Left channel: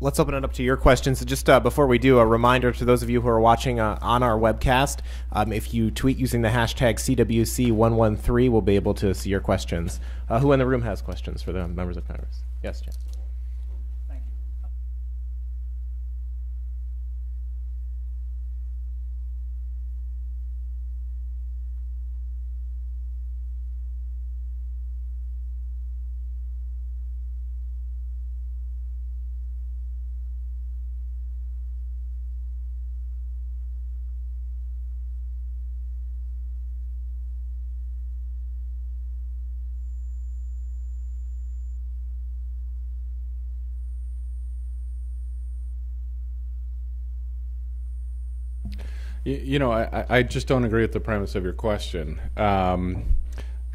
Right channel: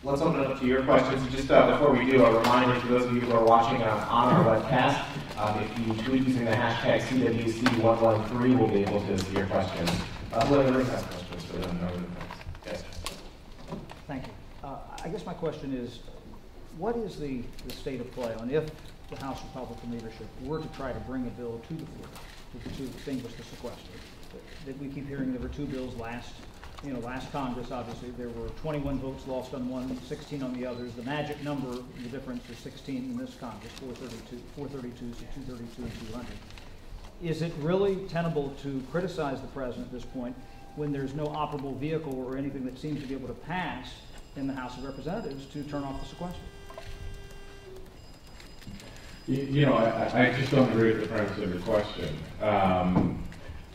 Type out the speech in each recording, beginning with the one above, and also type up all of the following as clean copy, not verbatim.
Let's open it up to your questions. Just before we do, a reminder to those of you who are watching on our webcast, if you tweet using the hashtag CWC113, we'll be able to see your questions. Who in the room has questions for the members of the panel? Yes. Thank you. I guess my question is, what is the state of play on if the House Republican leadership were to try to bring a bill to the floor to extinguish the sequester? That we keep hearing there were two bills last Congress. Obviously, there were 21 votes lost on one, 16 on the others. The magic number, the difference is 16 in this Congress, 432 to 232 and 200. Is it really tenable to criticize the president at this point when there's no operable vehicle or anything that seems to be able to pass in the House of Representatives to turn off the sequester? You know, I just don't agree with the premise of your question.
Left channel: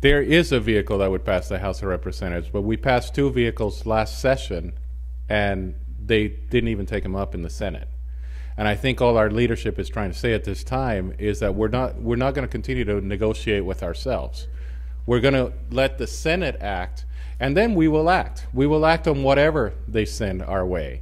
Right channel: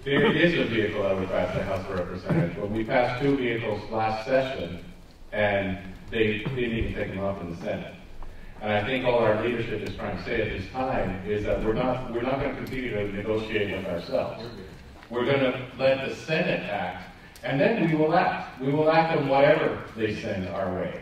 There is a vehicle that would pass the House of Representatives, but we passed two vehicles last session, and they didn't even take them up in the Senate. And I think all our leadership is trying to say at this time is that we're not going to continue to negotiate with ourselves. We're going to let the Senate act, and then we will act. We will act on whatever they send our way.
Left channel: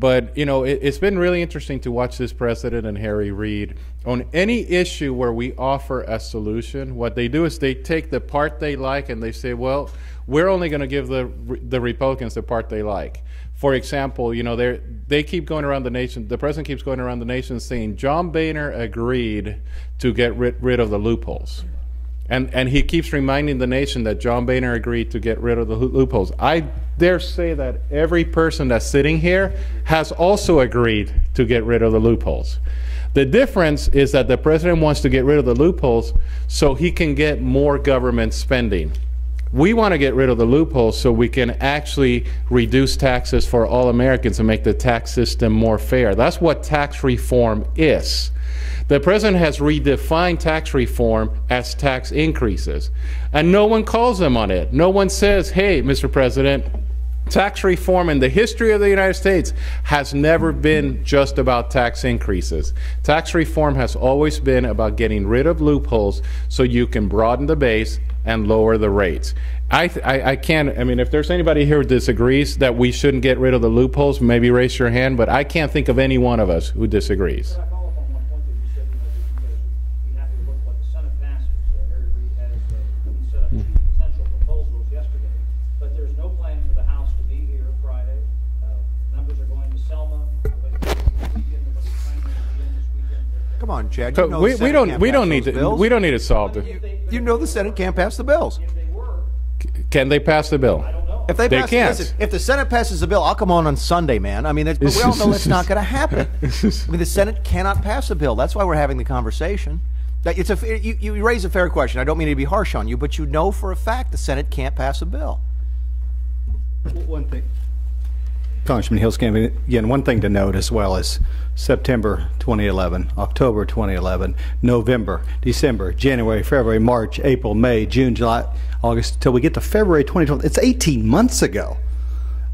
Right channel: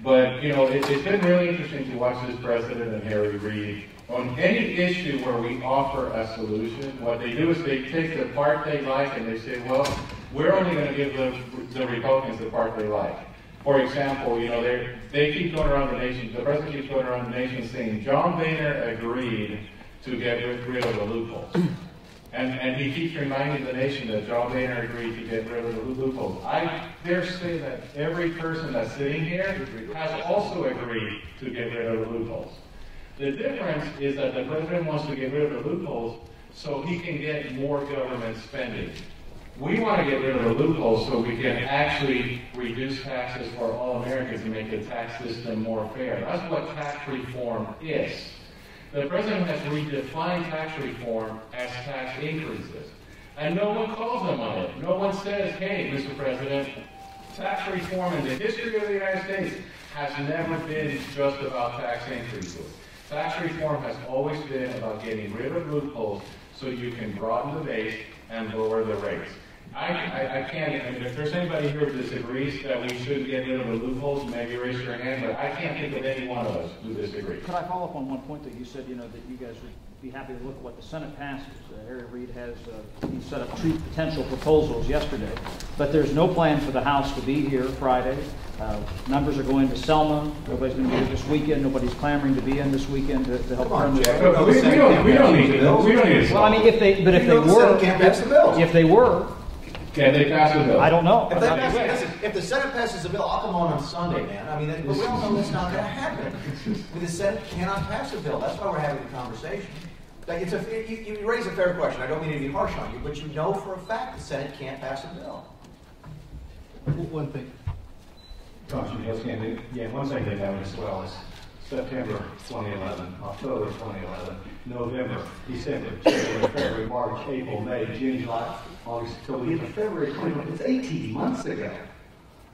But, you know, it's been really interesting to watch this president and Harry Reid. On any issue where we offer a solution, what they do is they take the part they like and they say, well, we're only going to give the Republicans the part they like. For example, you know, they keep going around the nation, the president keeps going around the nation saying, John Boehner agreed to get rid of the loopholes. And he keeps reminding the nation that John Boehner agreed to get rid of the loopholes. I dare say that every person that's sitting here has also agreed to get rid of the loopholes. The difference is that the president wants to get rid of the loopholes so he can get more government spending. We want to get rid of the loopholes so we can actually reduce taxes for all Americans and make the tax system more fair. That's what tax reform is. The president has redefined tax reform as tax increases, and no one calls them on it. No one says, hey, Mr. President, tax reform in the history of the United States has never been just about tax increases. Tax reform has always been about getting rid of loopholes so you can broaden the base and lower the rates. I mean, if there's anybody here who disagrees that we shouldn't get rid of the loopholes, maybe raise your hand, but I can't think of any one of us who disagrees. Could I follow up on one point that you said, you know, that you guys would be happy to look at what the Senate passes? Harry Reid has he set up two potential proposals yesterday, but there's no plan for the House to be here Friday. Members are going to Selma. Nobody's going to be here this weekend. Nobody's clamoring to be in this weekend to help turn the we don't need to solve. Well, I mean, if they were, can't pass the bills. If they were, can they pass the bill? I don't know. If they can't. Listen, if the Senate passes the bill, I'll come on Sunday, man. I mean, we all know it's not going to happen. I mean, the Senate cannot pass a bill. That's why we're having the conversation. You raise a fair question. I don't mean to be harsh on you, but you know for a fact the Senate can't pass a bill. One thing. Congressman Hilskamp, again, one thing to note as well is September 2011, October 2011, November, December, January, February, March, April, May, June, July, August, until we get to February 2012. It's 18 months ago.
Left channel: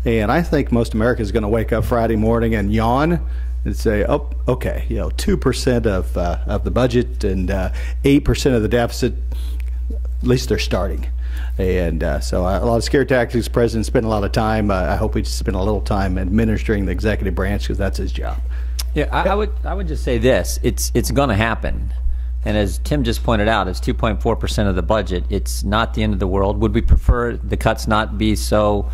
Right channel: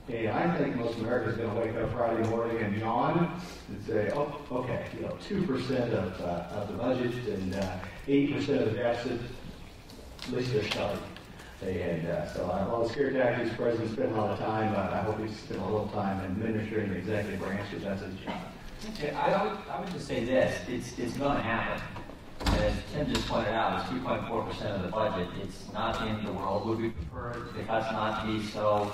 And I think most Americans are going to wake up Friday morning and yawn and say, oh, okay, you know, 2% of the budget and 8% of the deficit, at least they're starting. And so a lot of scare tactics. The president spent a lot of time. I hope he spent a little time administering the executive branch because that's his job. Yeah, I would just say this: it's going to happen. And as Tim just pointed out, it's 2.4% of the budget. It's not the end of the world. Would we prefer the cuts not be so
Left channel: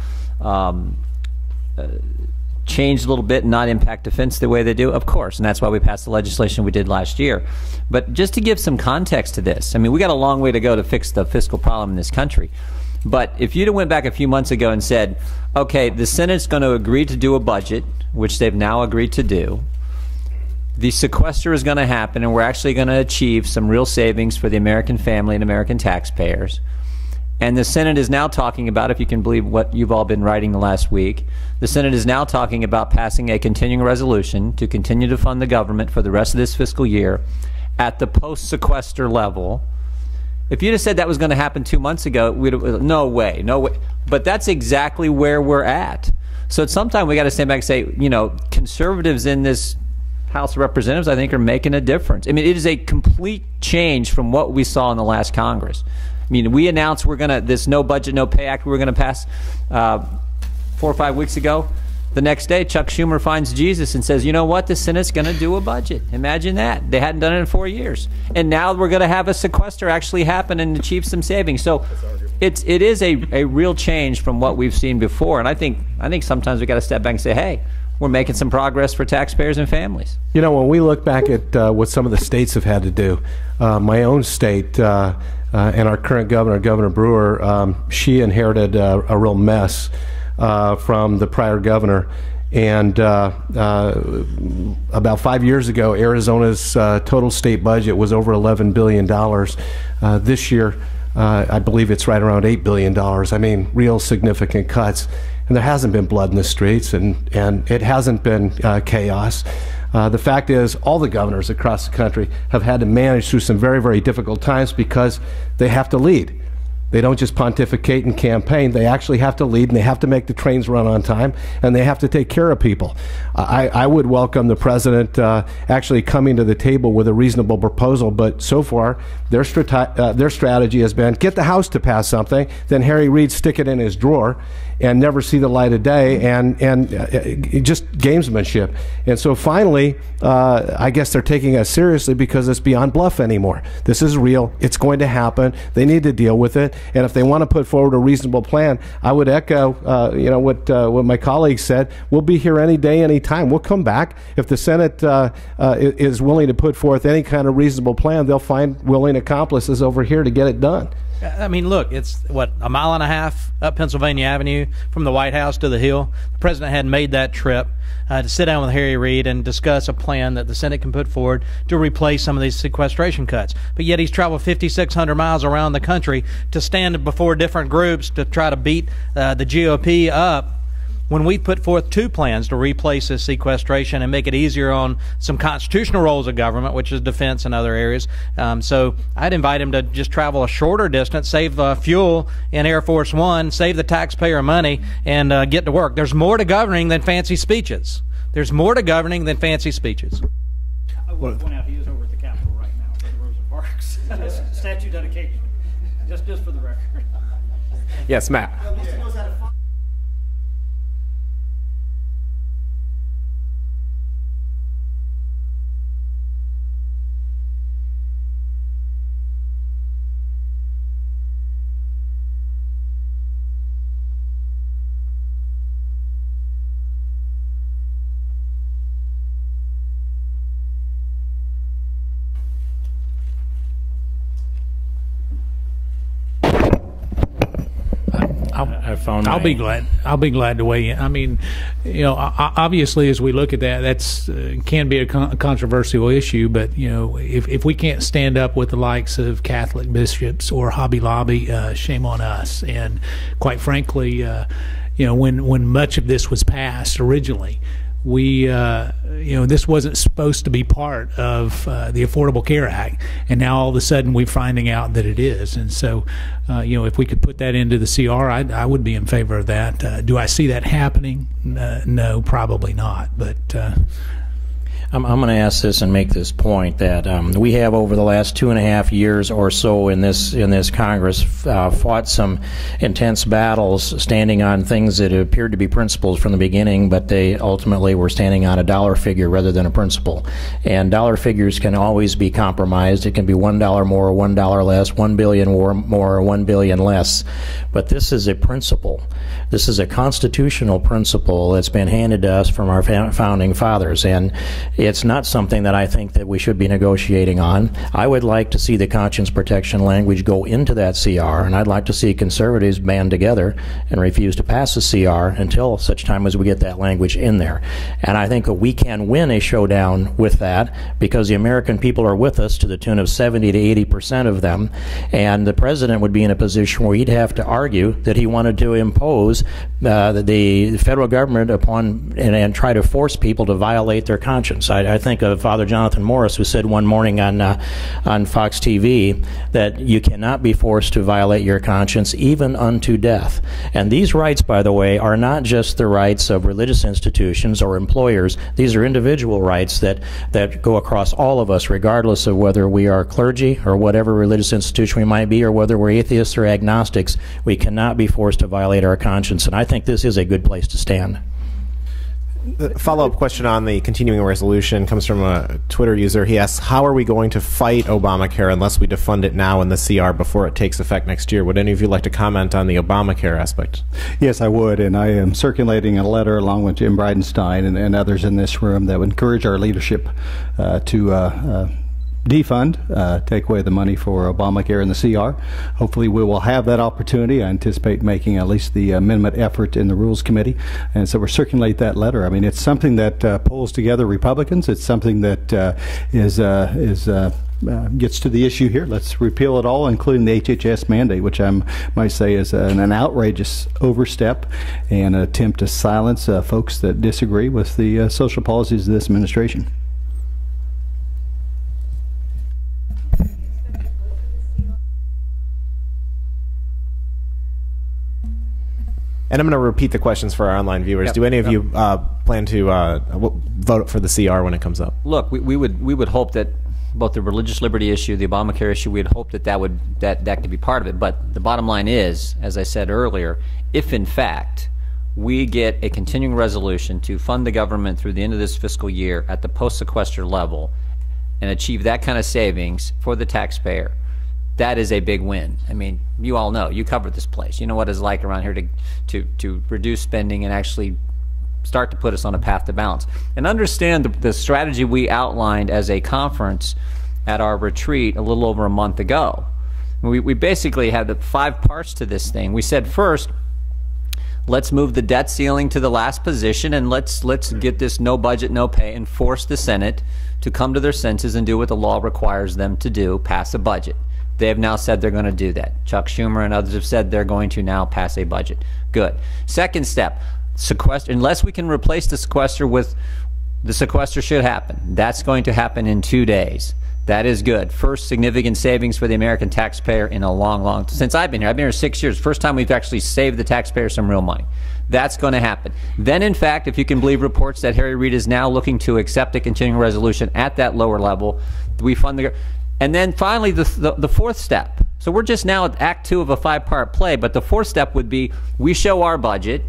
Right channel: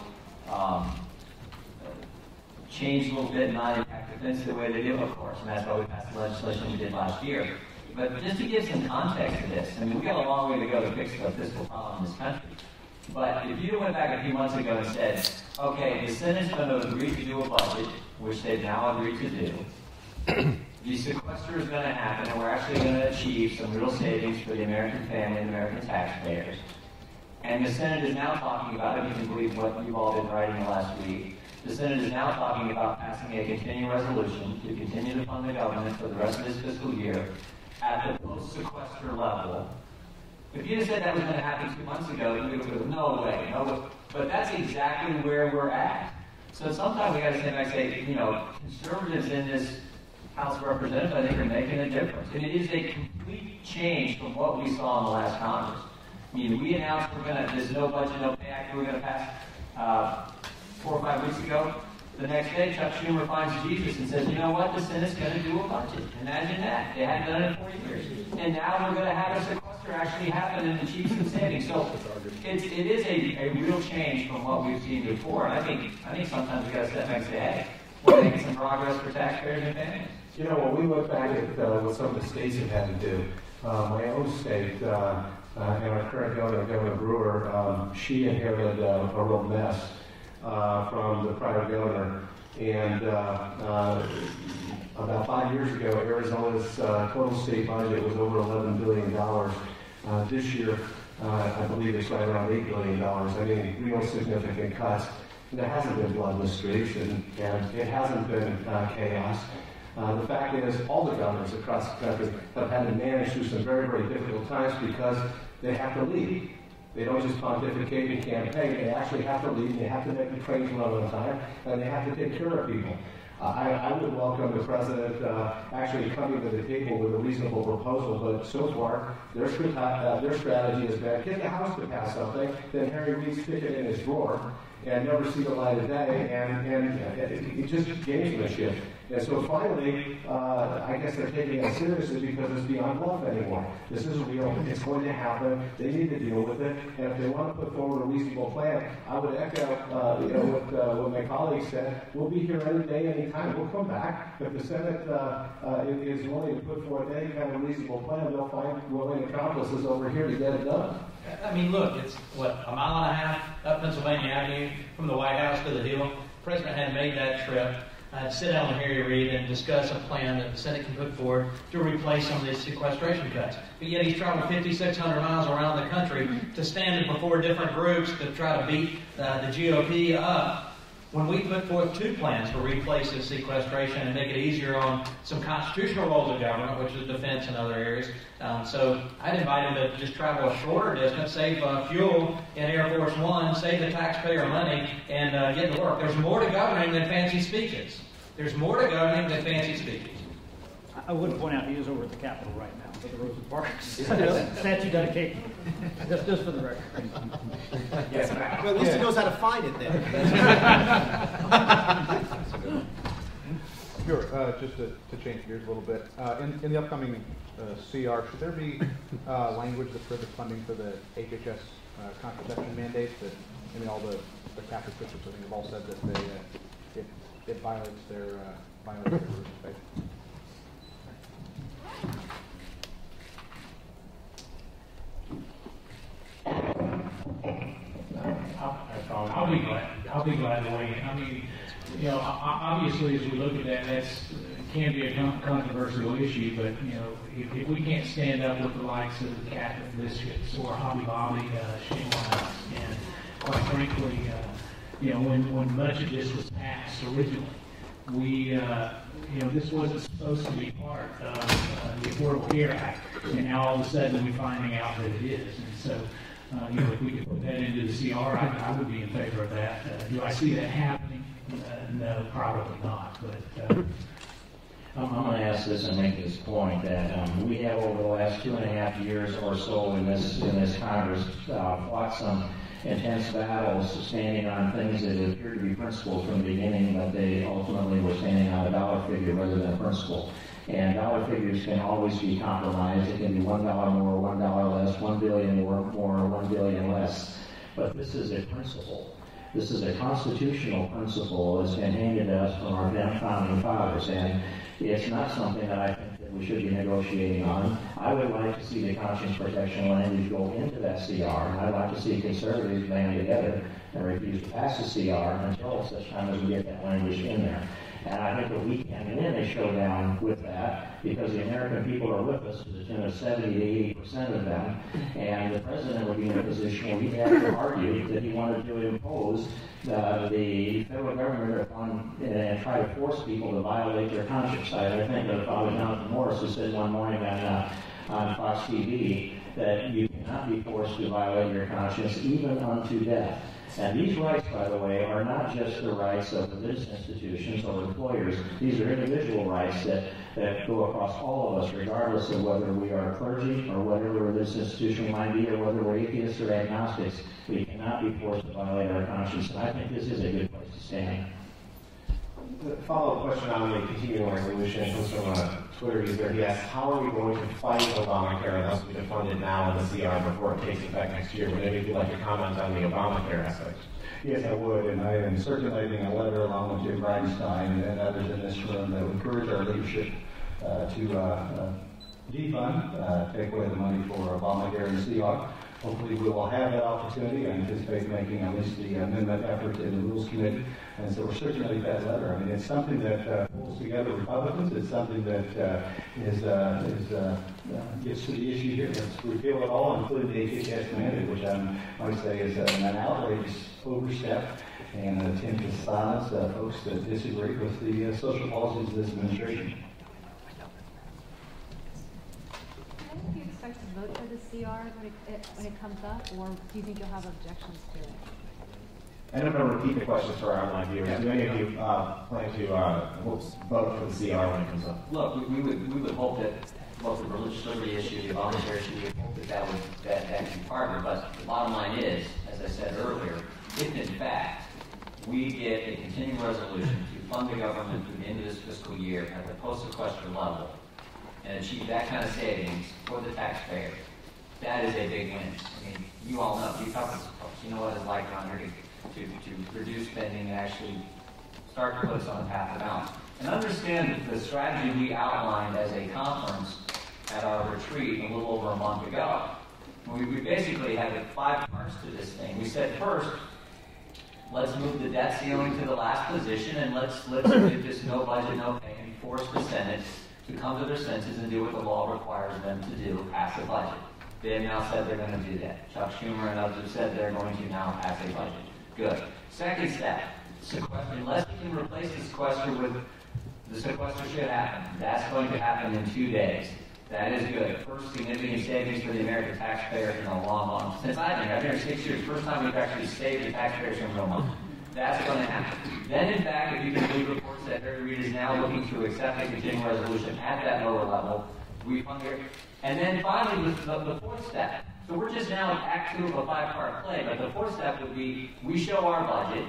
changed a little bit and not impact defense the way they do? Of course, and that's why we passed the legislation we did last year. But just to give some context to this, I mean, we got a long way to go to fix the fiscal problem in this country. But if you'd have went back a few months ago and said, okay, the Senate's going to agree to do a budget, which they've now agreed to do, the sequester is going to happen, and we're actually going to achieve some real savings for the American family and American taxpayers. And the Senate is now talking about, if you can believe what you've all been writing the last week, the Senate is now talking about passing a continuing resolution to continue to fund the government for the rest of this fiscal year at the post-sequester level. If you'd have said that was going to happen 2 months ago, we'd have, no way, no way. But that's exactly where we're at. So at some time we got to stand back and say, you know, conservatives in this House of Representatives, I think, are making a difference. I mean, it is a complete change from what we saw in the last Congress. I mean, we announced we're going to, this no budget, no pay act we're going to pass 4 or 5 weeks ago. The next day, Chuck Schumer finds Jesus and says, you know what, the Senate's going to do a budget. Imagine that. They hadn't done it in 4 years. And now we're going to have a sequester actually happen and achieve some savings. So it is a real change from what we've seen before. And I think sometimes we've got to step back and say, hey, we're making some progress for taxpayers and families. You know, when we look back at what some of the states have had to do, my own state and our current governor, Governor Brewer, she inherited a real mess from the prior governor. And about 5 years ago, Arizona's total state budget was over $11 billion. This year, I believe it's right around $8 billion. I mean, real significant cuts. And there hasn't been blood in the streets, and it hasn't been chaos. The fact is, all the governors across the country have had to manage through some very, very difficult times because they have to lead. They don't just pontificate and campaign. They actually have to lead, and they have to make the trains run on time, and they have to take care of people. I would welcome the president actually coming to the table with a reasonable proposal, but so far their strategy has been get the House to pass something, then Harry Reid stick it in his drawer, and never see the light of day, and just gamesmanship. And so finally, I guess they're taking us seriously because it's beyond bluff anymore. This is real. It's going to happen. They need to deal with it. And if they want to put forward a reasonable plan, I would echo what my colleague said. We'll be here any day, any time. We'll come back. If the Senate is willing to put forth any kind of reasonable plan, they'll find willing accomplices over here to get it done. I mean, look, it's, what, a mile and a half up Pennsylvania Avenue from the White House to the Hill. The president had made that trip to sit down with Harry Reid and discuss a plan that the Senate can put forward to replace some of these sequestration cuts. But yet he's traveled 5,600 miles around the country to stand before different groups to try to beat the GOP up, when we put forth two plans to replace this sequestration and make it easier on some constitutional roles of government, which is defense and other areas. So I'd invite him to just travel a shorter distance, save fuel in Air Force One, save the taxpayer money, and get to work. There's more to governing than fancy speeches. There's more to governing than fancy speeches. I would point out he is over at the Capitol right now, at Rosa Parks. Statue dedication. Just for the record. Yes, Matt. Well, at least he knows how to find it then. Sure. Just to change gears a little bit, in the upcoming CR, should there be language that prohibits funding for the HHS contraception mandates? That, I mean, all the Catholic bishops, I think, have all said that it violates their religious faith. I'll be glad to weigh in. I mean, you know, obviously, as we look at that, that's can be a controversial issue. But you know, if we can't stand up with the likes of Catholic bishops or Hobby Lobby, shame on us. And quite frankly, you know, when much of this was passed originally, we, you know, this wasn't supposed to be part of the Affordable Care Act, and now all of a sudden we're finding out that it is. And so, you know, if we could put that into the CR, I would be in favor of that. Do I see that happening? No, probably not. But I'm going to ask this and make this point that we have over the last 2.5 years or so in this Congress fought some intense battles standing on things that appeared to be principles from the beginning, but they ultimately were standing on a dollar figure rather than a principle. And dollar figures can always be compromised. It can be $1 more or $1 less, $1 billion more or $1 billion less. But this is a principle. This is a constitutional principle that's been handed to us from our founding fathers, and it's not something that I think that we should be negotiating on. I would like to see the conscience protection language go into that CR, and I'd like to see conservatives band together and refuse to pass the CR until such time as we get that language in there. And I think that we can win a showdown with that because the American people are with us to the tune of 70 to 80% of them, and the president would be in a position where he'd have to argue that he wanted to impose the federal government upon and try to force people to violate their conscience. I think of Father Jonathan Morris, who said one morning on Fox TV that you cannot be forced to violate your conscience even unto death. And these rights, by the way, are not just the rights of religious institutions or employers. These are individual rights that go across all of us, regardless of whether we are clergy or whatever religious institution we might be, or whether we're atheists or agnostics. We cannot be forced to violate our conscience. And I think this is a good place to stand. The follow-up question on the continuing resolution comes from a Twitter user. He asks, how are we going to fight Obamacare unless we defund it now in the CR before it takes effect next year? Would any of you like to comment on the Obamacare aspect? Yes, I would, and I am circulating a letter along with Jim Bridenstine and others in this room that would encourage our leadership to defund, take away the money for Obamacare in the CR. Hopefully we will have that opportunity. I anticipate making at least the amendment effort in the Rules Committee. And so we'll circulate that letter. I mean, it's something that pulls together Republicans. It's something that gets to the issue here. Let's repeal it all, including the HHS mandate, which I might say is an outrageous overstep and an attempt to silence folks that disagree with the social policies of this administration. And I'm going to repeat the questions for our online viewers. Yep. Do any of you plan to vote for the CR when it comes up? Look, we would hope that both the religious liberty issue, the Obamacare issue, we'd hope that could be part of it. But the bottom line is, as I said earlier, if in fact we get a continuing resolution to fund the government through the end of this fiscal year at the post-sequester level and achieve that kind of savings for the taxpayer, that is a big win. I mean, you all know, you covered this place. You know what it's like around here to reduce spending and actually start to put us on a path to balance. And understand the strategy we outlined as a conference at our retreat a little over a month ago. We basically had the 5 parts to this thing. We said, first, let's move the debt ceiling to the last position, and let's get this no budget, no pay, and force the Senate to come to their senses and do what the law requires them to do, pass a budget. They have now said they're going to do that. Chuck Schumer and others have said they're going to now pass a budget. Good. Second step, sequester. Unless we can replace the sequester with, the sequester should happen. That's going to happen in 2 days. That is good. First significant savings for the American taxpayer in a long, since I've been here. I've been here 6 years. First time we've actually saved the taxpayer some real money. That's going to happen. Then, in fact, if you can believe reports that Harry Reid is now looking to accept a continuing resolution at that lower level, we fund the. And then finally, the fourth step. So we're just now at Act 2 of a 5-part play, but the fourth step would be we show our budget,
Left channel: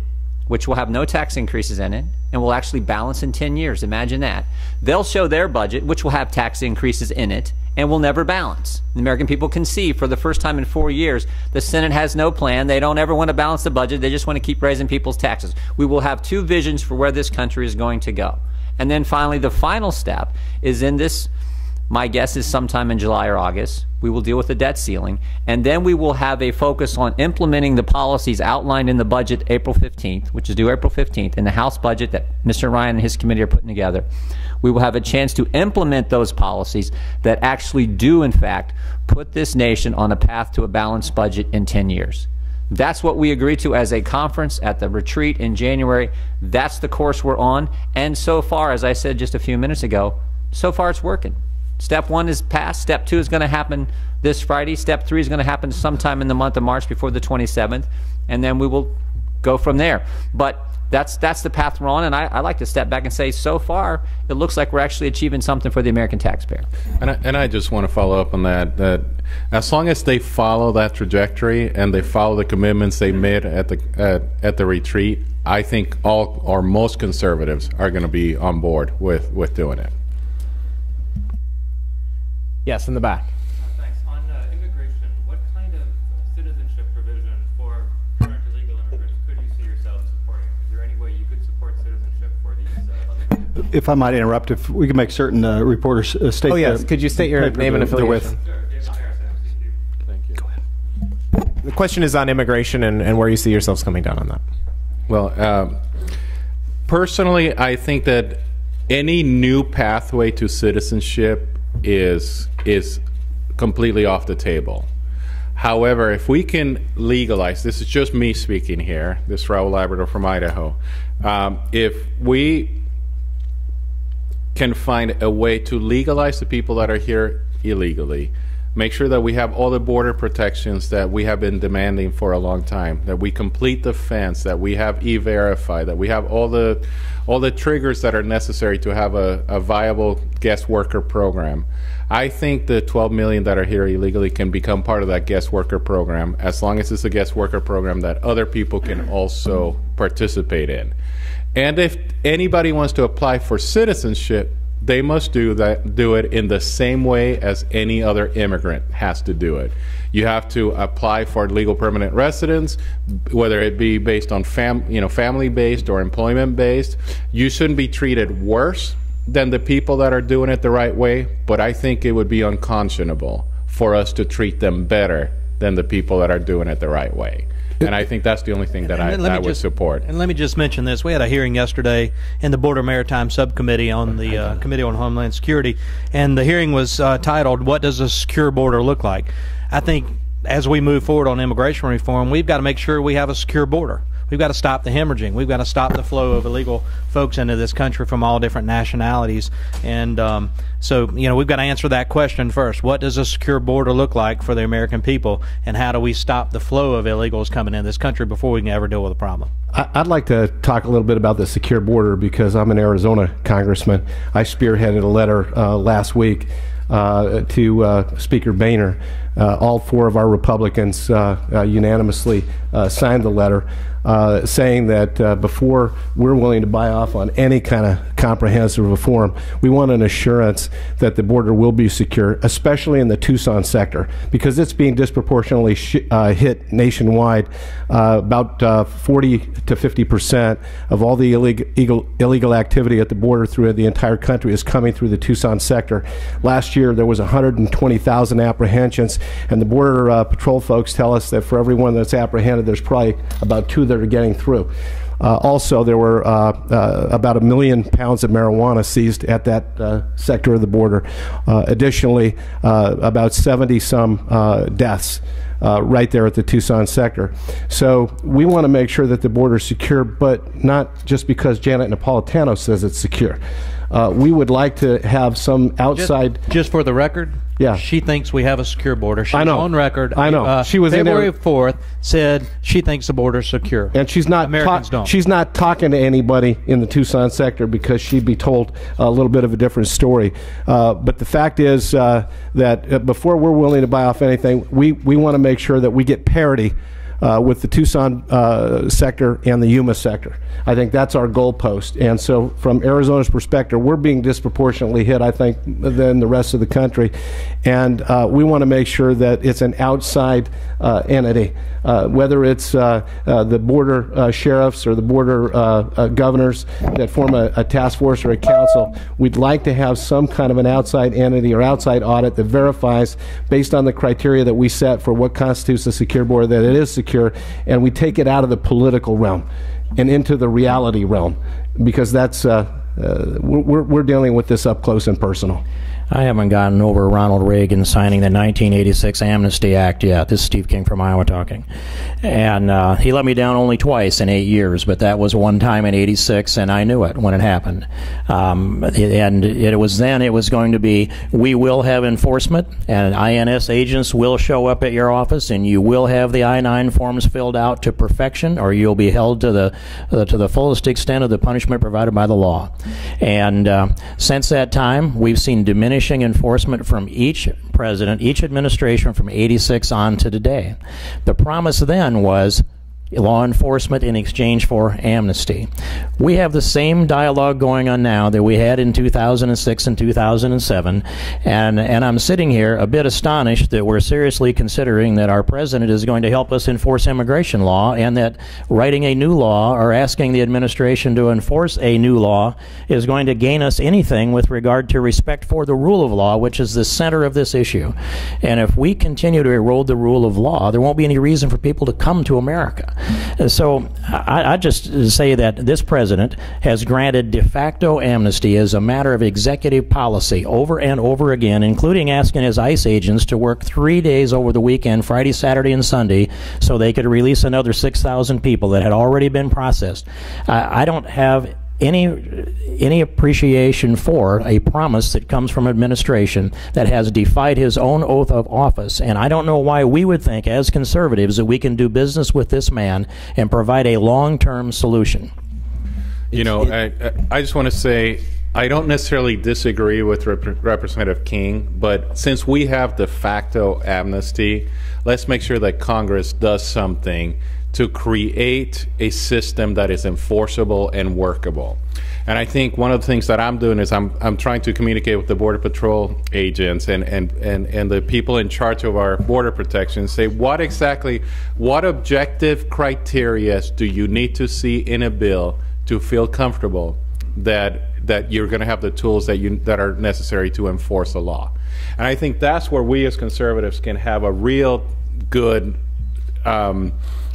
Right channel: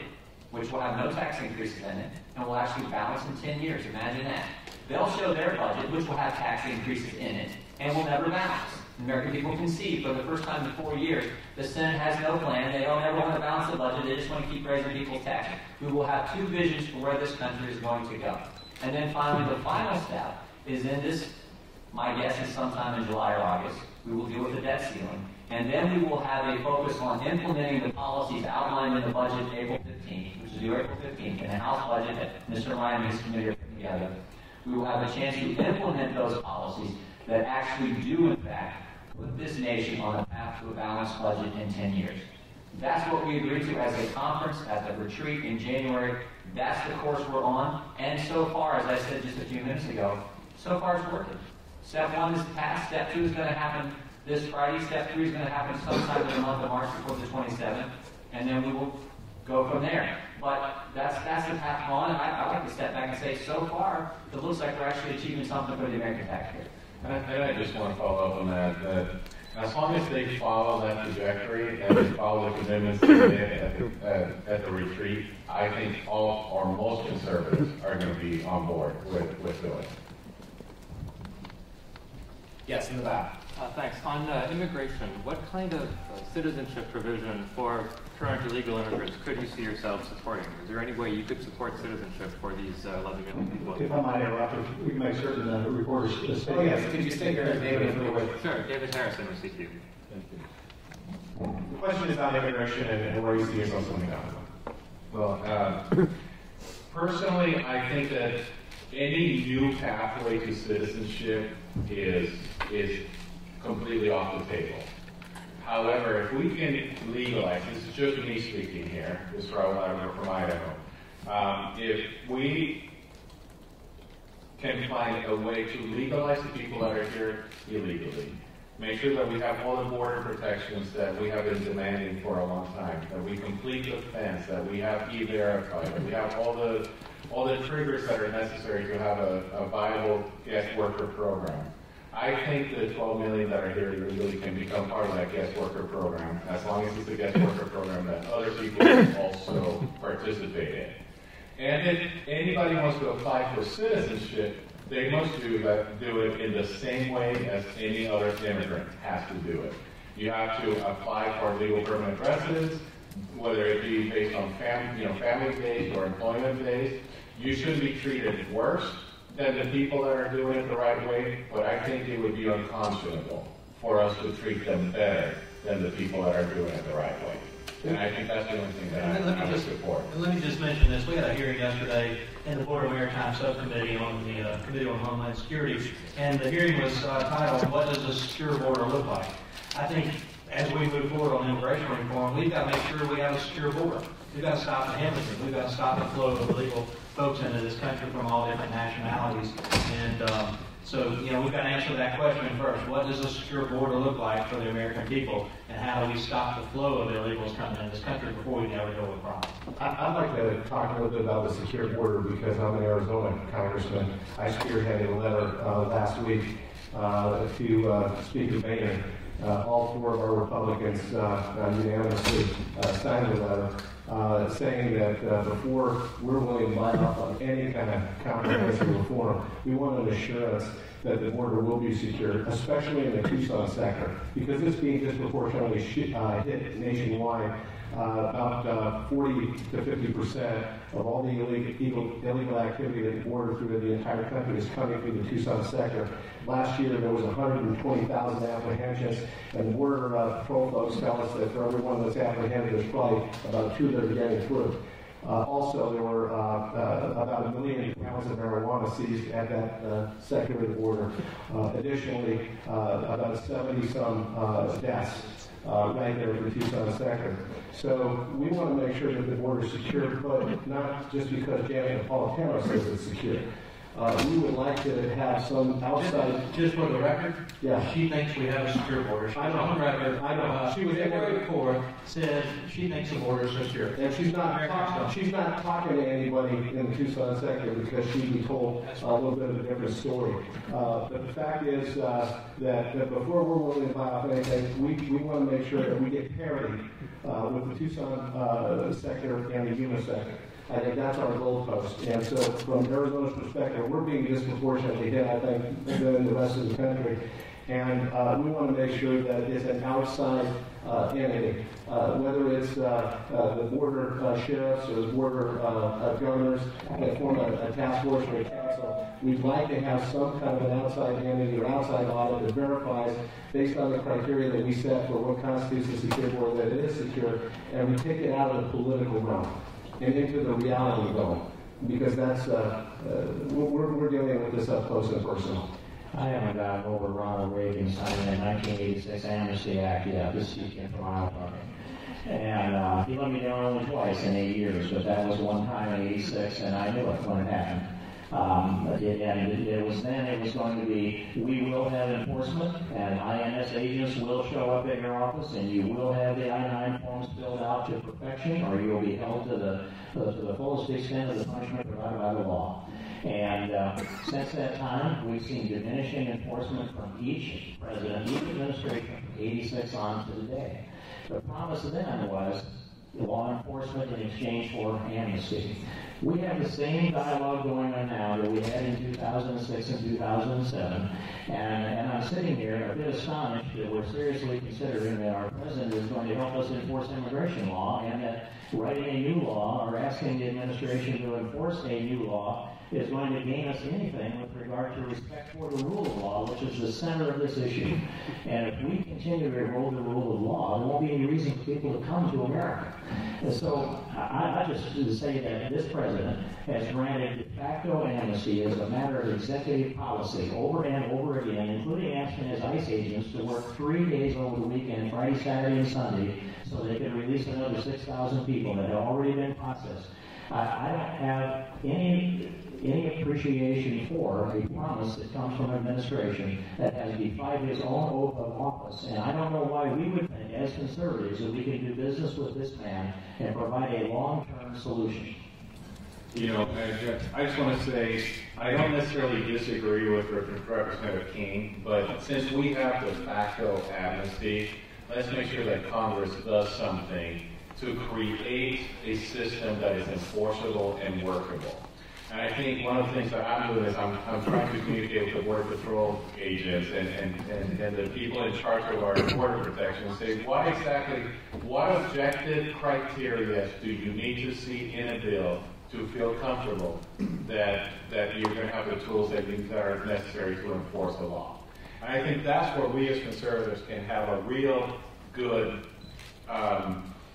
which will have no tax increases in it, and will actually balance in 10 years. Imagine that. They'll show their budget, which will have tax increases in it, and will never balance. The American people can see for the first time in 4 years, the Senate has no plan. They don't ever want to balance the budget. They just want to keep raising people's taxes. We will have 2 visions for where this country is going to go. And then finally, the final step is in this. My guess is sometime in July or August, we will deal with the debt ceiling, and then we will have a focus on implementing the policies outlined in the budget April 15th, which is due April 15th, in the House budget that Mr. Ryan and his committee are putting together. We will have a chance to implement those policies that actually do, in fact, put this nation on a path to a balanced budget in 10 years. That's what we agreed to as a conference at the retreat in January. That's the course we're on, and so far, as I said just a few minutes ago, so far it's working. Step 1 is passed. Step 2 is going to happen this Friday. Step 3 is going to happen sometime in the month of March before the 27th, and then we will go from there. But that's the path we're on, and I like to step back and say, so far, it looks like we're actually achieving something for the American taxpayer. And I just want to follow up on that as long as they follow that trajectory and they follow the commitments they made at the retreat, I think all or most conservatives are going to be on board with doing it. Yes, in the back. Thanks. On immigration, what kind of citizenship provision for current illegal immigrants could you see yourself supporting? Is there any way you could support citizenship for these individuals? If I might interrupt, if we can make certain reporters state. Oh yes, could you state your name and affiliation? Sure, David Harrison with CQ. Thank you. The question is on immigration and where you see yourselves coming down on that. Well, personally, I think that any new pathway to citizenship is completely off the table. However, if we can legalize, this is just me speaking here, this is Raul Labrador from Idaho, if we can find a way to legalize the people that are here illegally, make sure that we have all the border protections that we have been demanding for a long time, that we complete the fence, that we have E-Verify, that we have all the triggers that are necessary to have a viable guest worker program. I think the 12 million that are here illegally can become part of that guest worker program, as long as it's a guest worker program that other people can also participate in. And if anybody wants to apply for citizenship, they must do it in the same way as any other immigrant has to do it. You have to apply for legal permanent residence, whether it be based on family-based or employment-based. You shouldn't be treated worse than the people that are doing it the right way, but I think it would be unconscionable for us to treat them better than the people that are doing it the right way. And I think that's the only thing that I would support. And let me just mention this. We had a hearing yesterday in the Border Maritime Subcommittee on the Committee on Homeland Security, and the hearing was titled, "What Does a Secure Border Look Like?" I think as we move forward on immigration reform, we've got to make sure we have a secure border. We've got to stop the hemorrhaging. We've got to stop the flow of illegal folks into this country from all different nationalities. And so, we've got to answer that question first. What does a secure border look like for the American people? And how do we stop the flow of illegals coming into this country before we can ever deal with the problem? I'd like to talk a little bit about the secure border because I'm an Arizona congressman. I spearheaded a letter last week to Speaker Boehner. All four of our Republicans unanimously signed the letter saying that before we're willing to buy off on any kind of comprehensive reform, we want an assurance that the border will be secure, especially in the Tucson sector, because it's being disproportionately hit nationwide. About 40 to 50% of all the illegal activity at the border through the entire country is coming through the Tucson sector. Last year there was 120,000 apprehensions, and the Border Patrol folks tell us that for every one that's apprehended, there's probably about 2 that are getting through. Also, there were about 1 million pounds of marijuana seized at that sector of the border. Additionally, about 70-some deaths right there at the Tucson sector. So we want to make sure that the border is secure, but not just because Janet Napolitano says it's secure. We would like to have some outside... Just for the record, yeah, she thinks we have a secure border. She's I know. on record. I know. She was February 4th said she thinks the border is secure. And she's not Americans don't. She's not talking to anybody in the Tucson sector because she'd be told a little bit of a different story. But the fact is that before we're willing to buy off anything, we want to make sure that we get parity with the Tucson sector and the Yuma sector. I think that's our goalpost. And so from Arizona's perspective, we're being disproportionately hit, I think, than the rest of the country. And we want to make sure that it's an outside entity, whether it's the border sheriffs or the border governors that form a task force or a council. We'd like to have some kind of an outside entity or outside audit that verifies, based on the criteria that we set for what constitutes a secure border, that it is secure, and we take it out of the political realm and into the reality realm, because that's we're dealing with this up close and personal. I haven't gotten over Ronald Reagan signing the 1986 Amnesty Act yet. This is Steve King from Iowa talking. And he let me down only twice in 8 years, but that was one time in '86, and I knew it when it happened. And it was going to be, we will have enforcement, and INS agents will show up at your office, and you will have the I-9 forms filled out to perfection, or you'll be held to the fullest extent of the punishment provided by the law. And since that time, we've seen diminishing enforcement from each president, each administration from '86 on to today. The promise then was law enforcement in exchange for amnesty. We have the same dialogue going on now that we had in 2006 and 2007, and I'm sitting here a bit astonished that we're seriously considering that our president is going to help us enforce immigration law, and that writing a new law or asking the administration to enforce a new law is going to gain us anything with regard to respect for the rule of law, which is the center of this issue. And if we continue to erode the rule of law, there won't be any reason for people to come to America. So I just say that this president has granted de facto amnesty as a matter of executive policy over and over again, including asking his ICE agents to work 3 days over the weekend, Friday, Saturday, and Sunday, so they could release another 6,000 people that had already been processed. I don't have any appreciation for a promise that comes from administration that has defied his own oath of office. And I don't know why we would think as conservatives that we can do business with this man and provide a long-term solution. You know, I just want to say, I don't necessarily disagree with Representative King, but since we have de facto amnesty, let's make sure that Congress does something to create a system that is enforceable and workable. And I think one of the things that I'm doing is I'm trying to communicate with the Border Patrol agents and the people in charge of our border protection, say what objective criteria do you need to see in a bill to feel comfortable that you're going to have the tools that are necessary to enforce a law. And I think that's where we as conservatives can have a real good,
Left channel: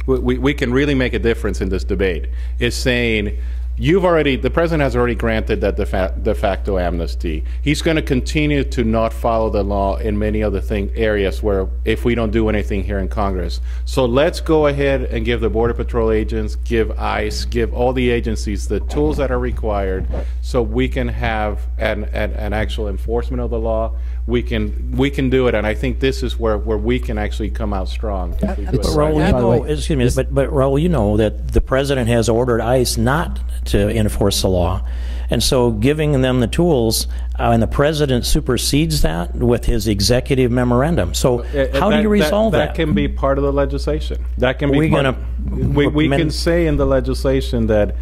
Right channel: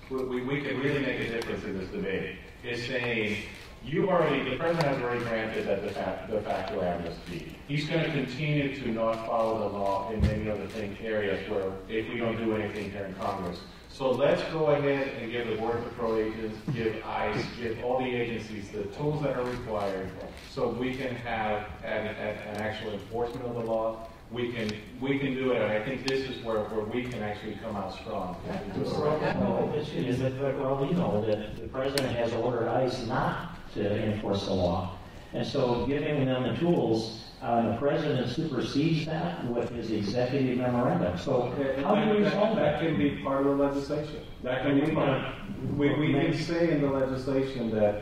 we can really make a difference in this debate, is saying, the president has already granted that de facto amnesty. He's going to continue to not follow the law in many other areas where if we don't do anything here in Congress. So let's go ahead and give the Border Patrol agents, give ICE, give all the agencies the tools that are required so we can have an actual enforcement of the law. We can do it, and I think this is where we can actually come out strong. But Raul, excuse me, but Raul, you know that the president has ordered ICE not to enforce the law, and so giving them the tools, and the president supersedes that with his executive memorandum. So how do you resolve that? That can be part of the legislation. That can be we can say in the legislation that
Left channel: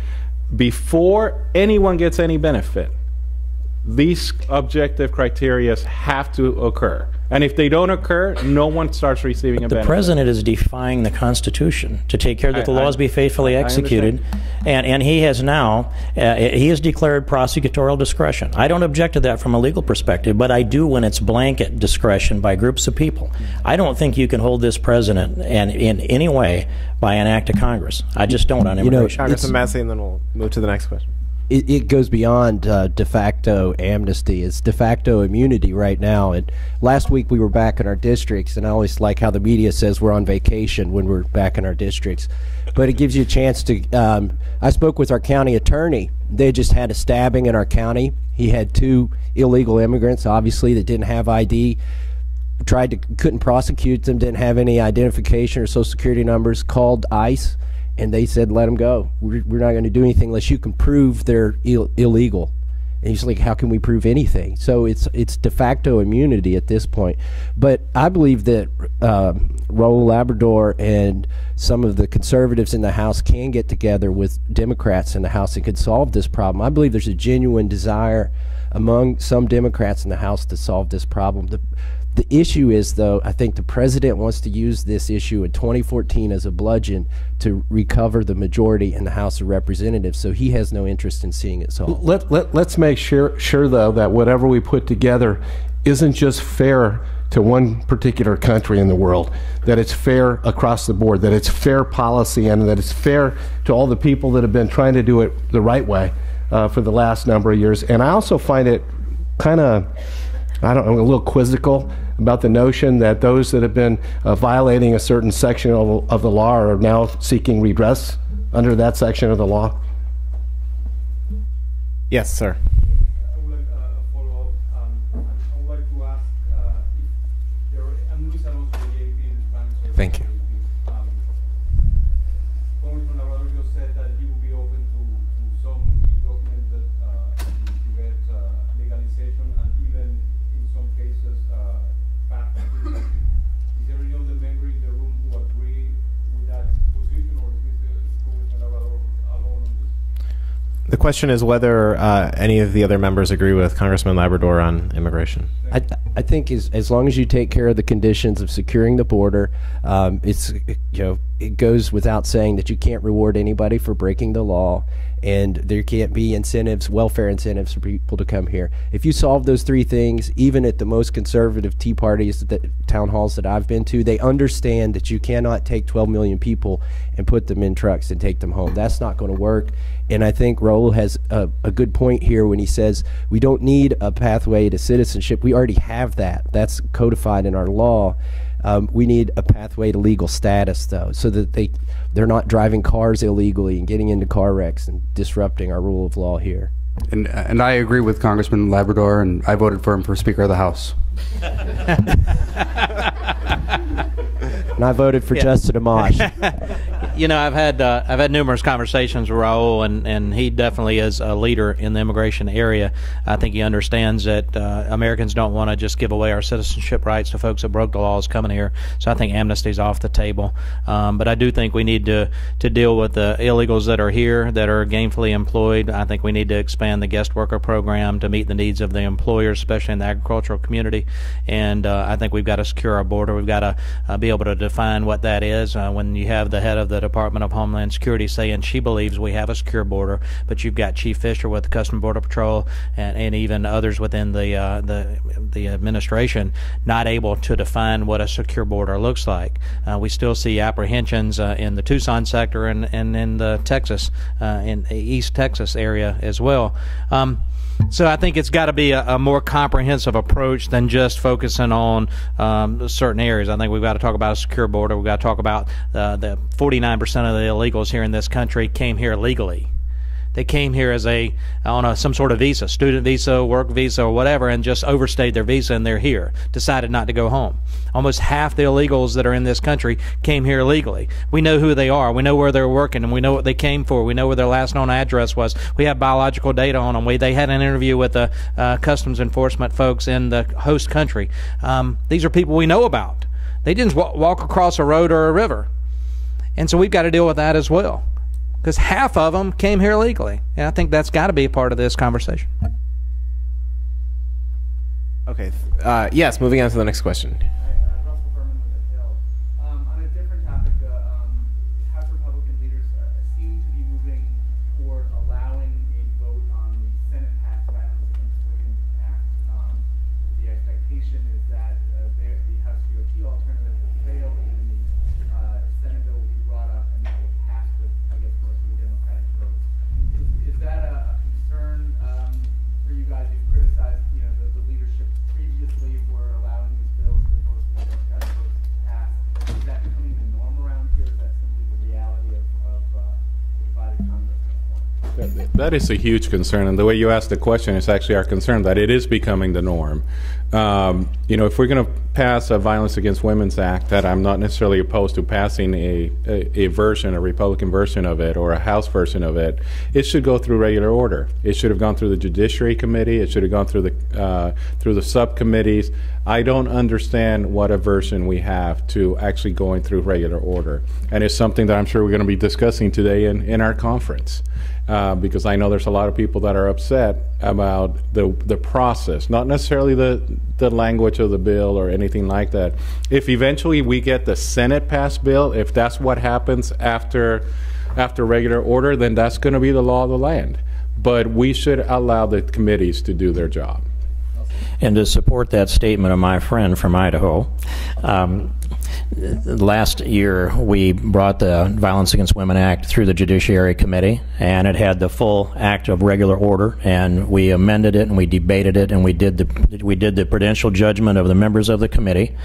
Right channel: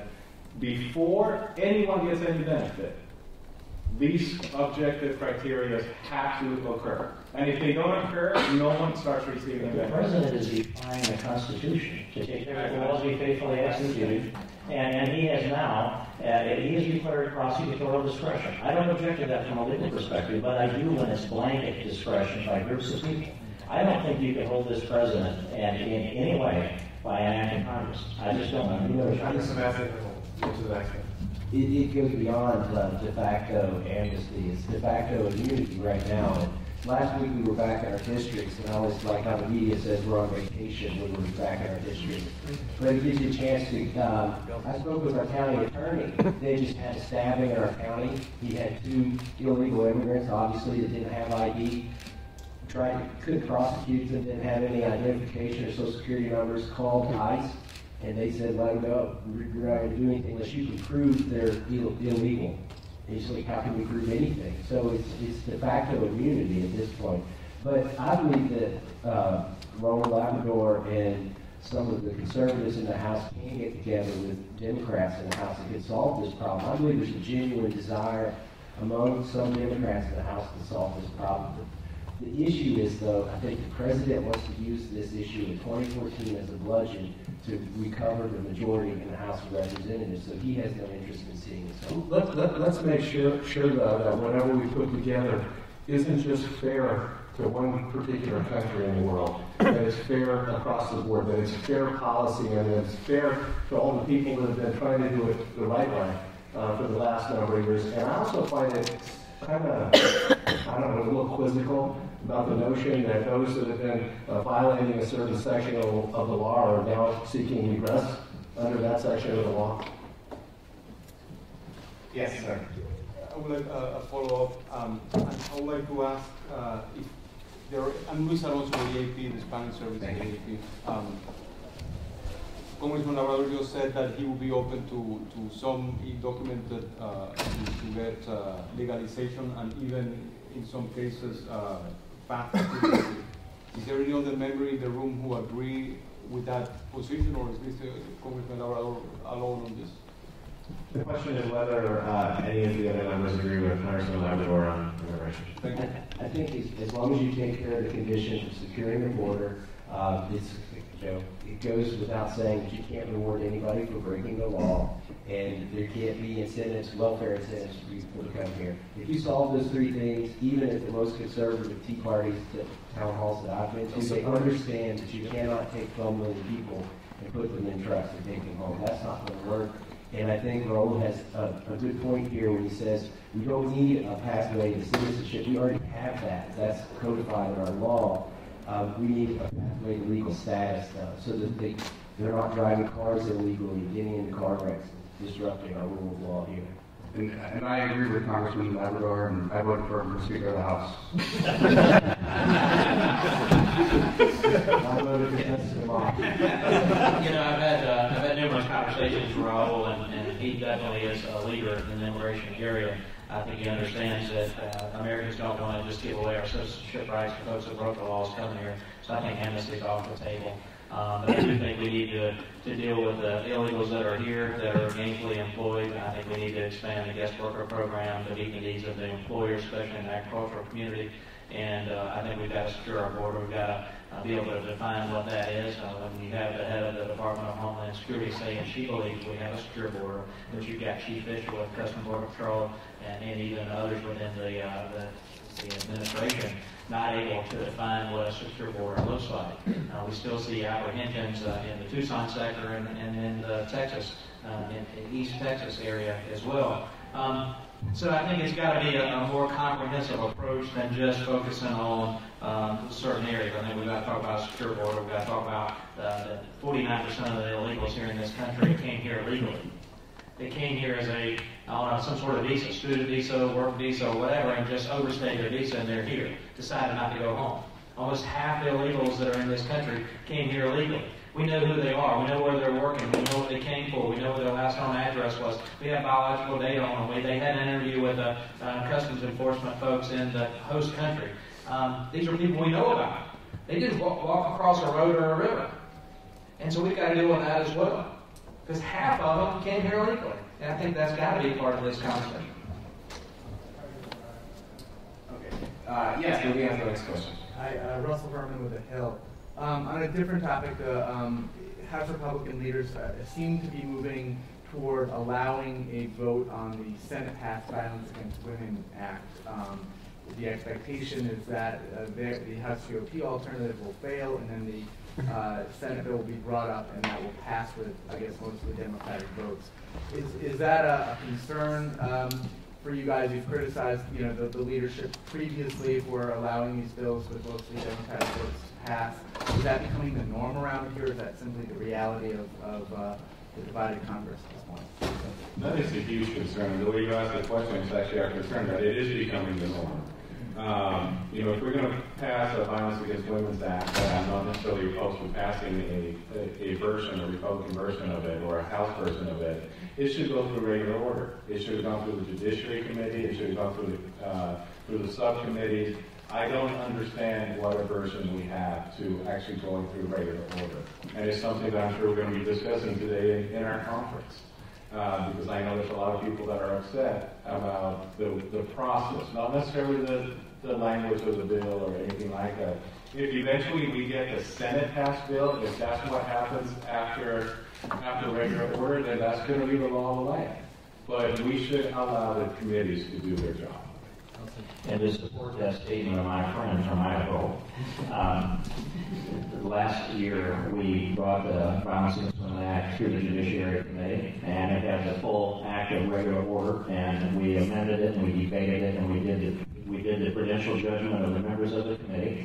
before anyone gets any benefit, these objective criteria have to occur. And if they don't occur, no one starts receiving a benefit. The president is defying the Constitution to take care that the laws be faithfully executed. And he has now, he has declared prosecutorial discretion. I don't object to that from a legal perspective, but I do when it's blanket discretion by groups of people. I don't think you can hold this president in any way by an act of Congress. I just don't on immigration. Congressman Massey, and then we'll move to the next question. It goes beyond de facto amnesty. It's de facto immunity right now. And last week we were back in our districts, and I always like how the media says we're on vacation when we're back in our districts. But it gives you a chance to, I spoke with our county attorney. They just had a stabbing in our county. He had 2 illegal immigrants, obviously, that didn't have ID. Couldn't prosecute them, didn't have any identification or social security numbers, called ICE. And they said, let them go. We're not going to do anything unless you can prove they're illegal. And he's like, how can we prove anything? So it's de facto immunity at this point. But I believe that Raul Labrador and some of the conservatives in the House can get together with Democrats in the House that could solve this problem. I believe there's a genuine desire among some Democrats in the House to solve this problem. The issue is, though, I think the president wants to use this issue in 2014 as a bludgeon to recover the majority in the House of Representatives, so he has no interest in seeing it solved. Let's make sure, though, that whatever we put together isn't just fair to one particular country in the world, that it's fair across the board, that it's fair policy, and that it's fair to all the people that have been trying to do it the right way for the last number of years. And I also find it kind of, I don't know, a little quizzical about the notion that those that have been violating a certain section of the law are now seeking redress under that section of the law. Yes, sir. I would like a follow-up. I would like to ask if there are, I'm Luis Alonso, the AP, the Spanish service. Thank you. Congressman Labrador just said that he would be open to some documented to get legalization and even in some cases path. Is there any other member in the room who agree with that position, or is this Congressman Labrador alone on this? The question is whether any of the other members agree with Congressman Labrador on immigration. I think as long as you take care of the conditions of securing the border, it goes without saying that you can't reward anybody for breaking the law, and there can't be incentives, welfare incentives for people to come here. If you solve those 3 things, even at the most conservative Tea Parties, town halls that I've been to, they understand that you cannot take 12 million people and put them in trucks and take them home. That's not going to work. And I think Raul has a good point here when he says we don't need a pathway to citizenship. We already have that. That's codified in our law. We need a pathway to legal status, though, so that they're not driving cars illegally and getting into car wrecks and disrupting our rule of law here. And I agree with Congressman Labrador, and I voted for him for Speaker of the House. And I voted for Justin Amash. you know, I've had numerous conversations with Raul, and he definitely is a leader in the immigration area. I think he understands that Americans don't want to just give away our citizenship rights to folks that broke the laws coming here. So I think amnesty's off the table. But I do think we need to deal with the illegals that are here, that are gainfully employed. I think we need to expand the guest worker program to meet the needs of the employers, especially in the agricultural community. And I think we've got to secure our border. We've got to be able to define what that is. When you have the head of the Department of Homeland Security saying she believes we have a secure border, but you've got Chief Fisher with the Customs Border Patrol and even others within the administration not able to define what a secure border looks like. We still see apprehensions in the Tucson sector and in the Texas, in East Texas area as well. So I think it's got to be a more comprehensive approach than just focusing on certain areas. I think we've got to talk about a secure border. We've got to talk about the 49% of the illegals here in this country came here legally. They came here as on some sort of visa, student visa, work visa, or whatever, and just overstayed their visa, and they're here, decided not to go home. Almost half the illegals that are in this country came here illegally. We know who they are. We know where they're working, and we know what they came for. We know where their last known address was. We have biological data on them. They had an interview with the customs enforcement folks in the host country. These are people we know about. They didn't walk across a road or a river. And so we've got to deal with that as well, because half of them came here illegally. And I think that's got to be a part of this conversation. Okay. Yes, moving on to the next question. Russell Herman with The Hill. On a different topic, the House Republican leaders seem to be moving toward allowing a vote on the Senate-passed Violence Against Women Act. The expectation is that the House GOP alternative will fail, and then the Senate bill will be brought up, and that will pass with, I guess, mostly Democratic votes. Is that a concern for you guys? You've criticized, the leadership previously for allowing these bills with mostly Democratic votes passed. Is that becoming the norm around here, or is that simply the reality of the divided Congress at this point? That is a huge concern, and the way you asked the question is actually our concern, that it is becoming the norm. If we're going to pass a Violence Against Women's Act, that I'm not necessarily opposed to passing a Republican version of it or a House version of it, it should go through regular order. It should have gone through the Judiciary Committee. It should have gone through the subcommittees. I don't understand what aversion we have to actually going through regular order, and it's something that I'm sure we're going to be discussing today in our conference. Because I know there's a lot of people that are upset about the process, not necessarily the language of the bill or anything like that. If eventually we get the Senate passed bill, if that's what happens after regular order, then that's going to be the law of the land. But we should allow the committees to do their job. And to support that statement of my friend from Idaho, last year we brought the Violence Against Women Act through the Judiciary Committee, and it had the full act of regular order, and we amended it and we debated it, and we did the prudential judgment of the members of the committee,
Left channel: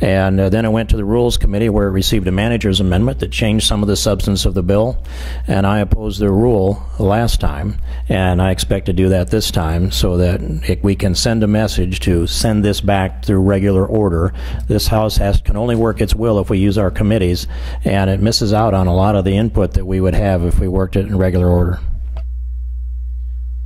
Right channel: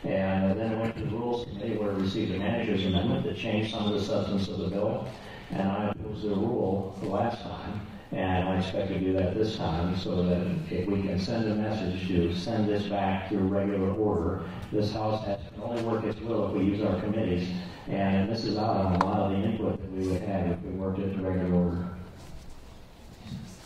and then it went to the Rules Committee, where it received a manager's amendment that changed some of the substance of the bill, and I opposed the rule last time, and I expect to do that this time, so that we can send a message to send this back through regular order. This House can only work its will if we use our committees, and it misses out on a lot of the input that we would have if we worked it in regular order.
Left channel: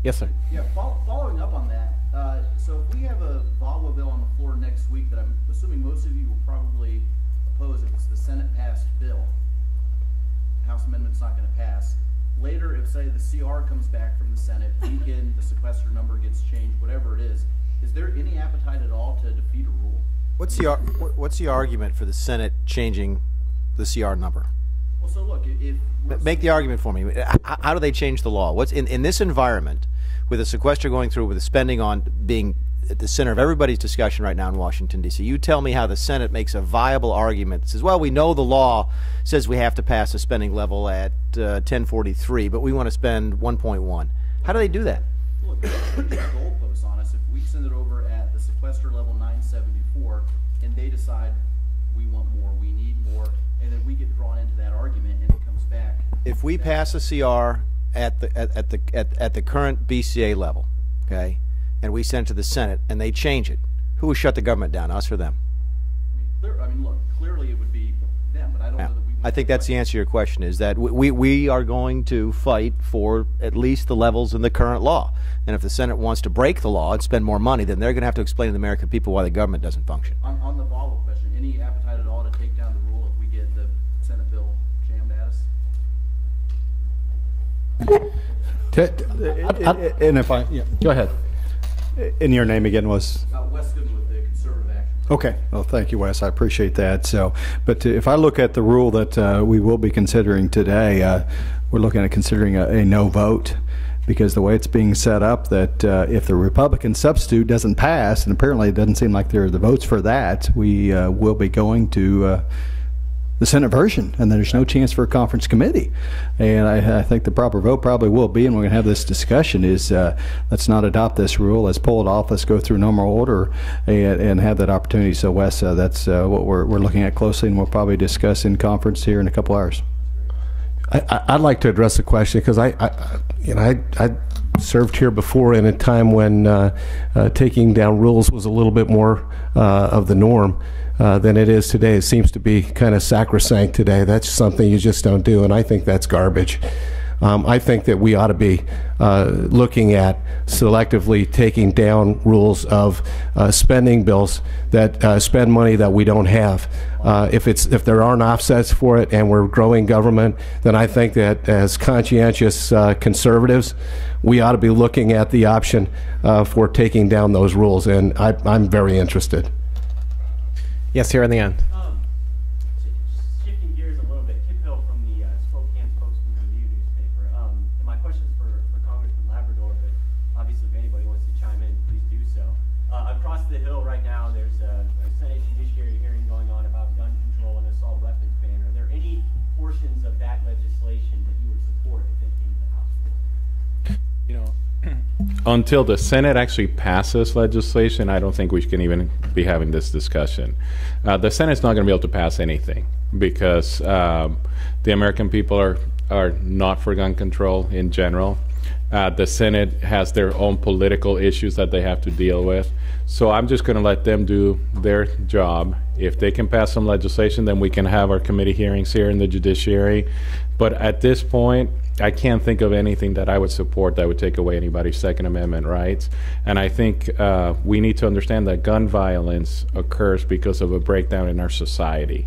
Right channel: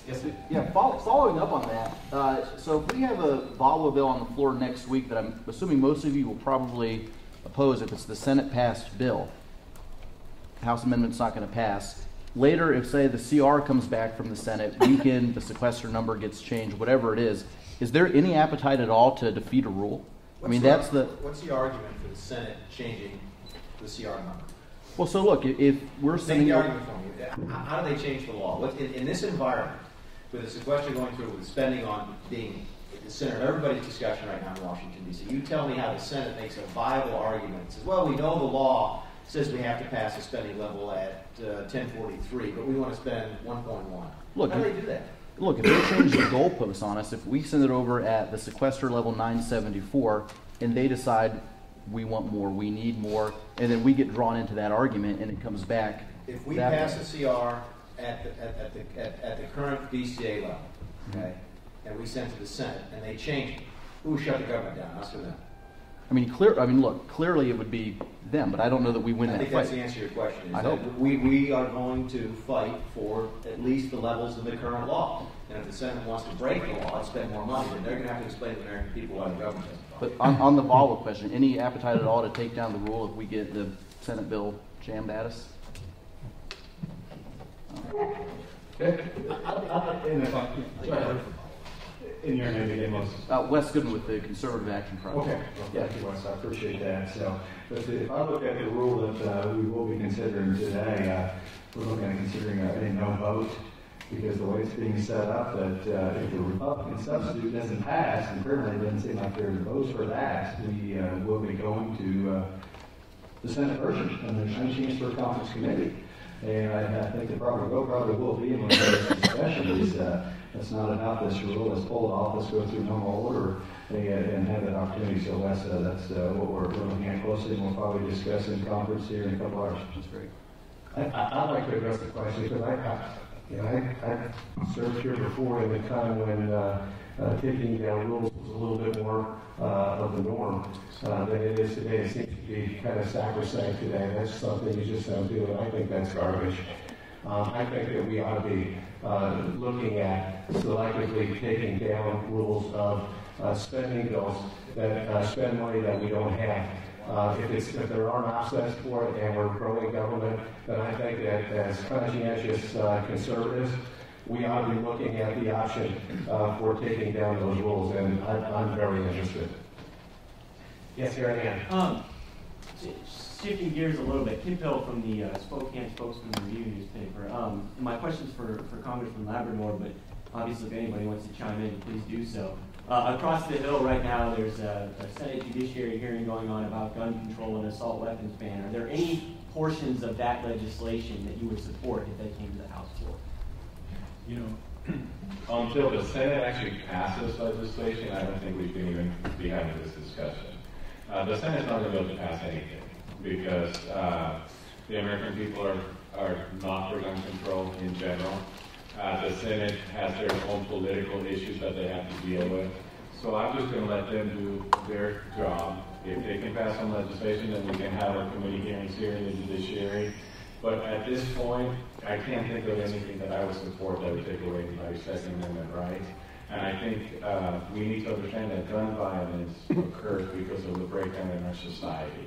Yes, sir. Yeah, following up on that, so if we have a VAWA bill on the floor next week that I'm assuming most of you will probably oppose if it's the Senate-passed bill, House amendment's not going to pass. Later, if, say, the CR comes back from the Senate, weakened, the sequester number gets changed, whatever it is there any appetite at all to defeat a rule? What's the argument for the Senate changing the CR number? Well, so look, if we're make the argument for me. How do they change the law? What's in this environment, with the sequester going through, with the spending on being at the center of everybody's discussion right now in Washington, D.C., you tell me how the Senate makes a viable argument that says, well, we know the law says we have to pass a spending level at 1043, but we want to spend 1.1. How do they do that? Look, if they change the goalposts on us, if we send it over at the sequester level 974, and they decide we want more, we need more, and then we get drawn into that argument, and it comes back. If we pass a CR at the current BCA level, okay, and we send it to the Senate, and they change it, who will shut the government down, us or them? I mean, look, clearly it would be them, but I don't know that we win. I think that's the answer to your question, is that we are going to fight for at least the levels in the current law. And if the Senate wants to break the law and spend more money, then they're going to have to explain to the American people why the government doesn't function. But on the VAWA question, any appetite at all to take down the rule if we get the Senate bill jammed at us? And if I, go ahead. And your name again was? Wes Goodman with the Conservative Action Project. Okay. Well, thank you, Wes. I appreciate that. So, but if I look at the rule that we will be considering today, we're looking at considering a no vote, because the way it's being set up, that if the Republican substitute doesn't pass, and apparently it doesn't seem like there are the votes for that, we will be going to the Senate version, and there's no chance for a conference committee. And I think the proper vote probably will be, and we're going to have this discussion, is let's not adopt this rule, let's pull it off, let's go through normal order and have that opportunity. So Wes, that's what we're looking at closely, and we'll probably discuss in conference here in a couple hours. I'd like to address the question, because I served here before in a time when taking down rules was a little bit more of the norm than it is today. It seems to be kind of sacrosanct today. That's something you just don't do, and I think that's garbage. I think that we ought to be looking at selectively taking down rules of spending bills that spend money that we don't have. If there aren't offsets for it and we're growing government, then I think that as conscientious conservatives, we ought to be looking at the option for taking down those rules, and I'm very interested. Yes, here in the end. Shifting gears a little bit, Kim Pill from the Spokane Spokesman Review newspaper. My question's for Congressman Labrador, but obviously if anybody wants to chime in, please do so. Across the hill right now, there's a Senate Judiciary hearing going on about gun control and assault weapons ban. Are there any portions of that legislation that you would support if they came to the House floor? You know, until the Senate actually passes legislation, I don't think we can even be having this discussion. The Senate's not going to be able to pass anything because the American people are not for gun control in general. The Senate has their own political issues that they have to deal with. So I'm just going to let them do their job. If they can pass some legislation, then we can have our committee hearings here in the judiciary. But at this point, I can't think of anything that I would support that would take away anybody's Second Amendment rights. And I think we need to understand that gun violence occurs because of a breakdown in our society.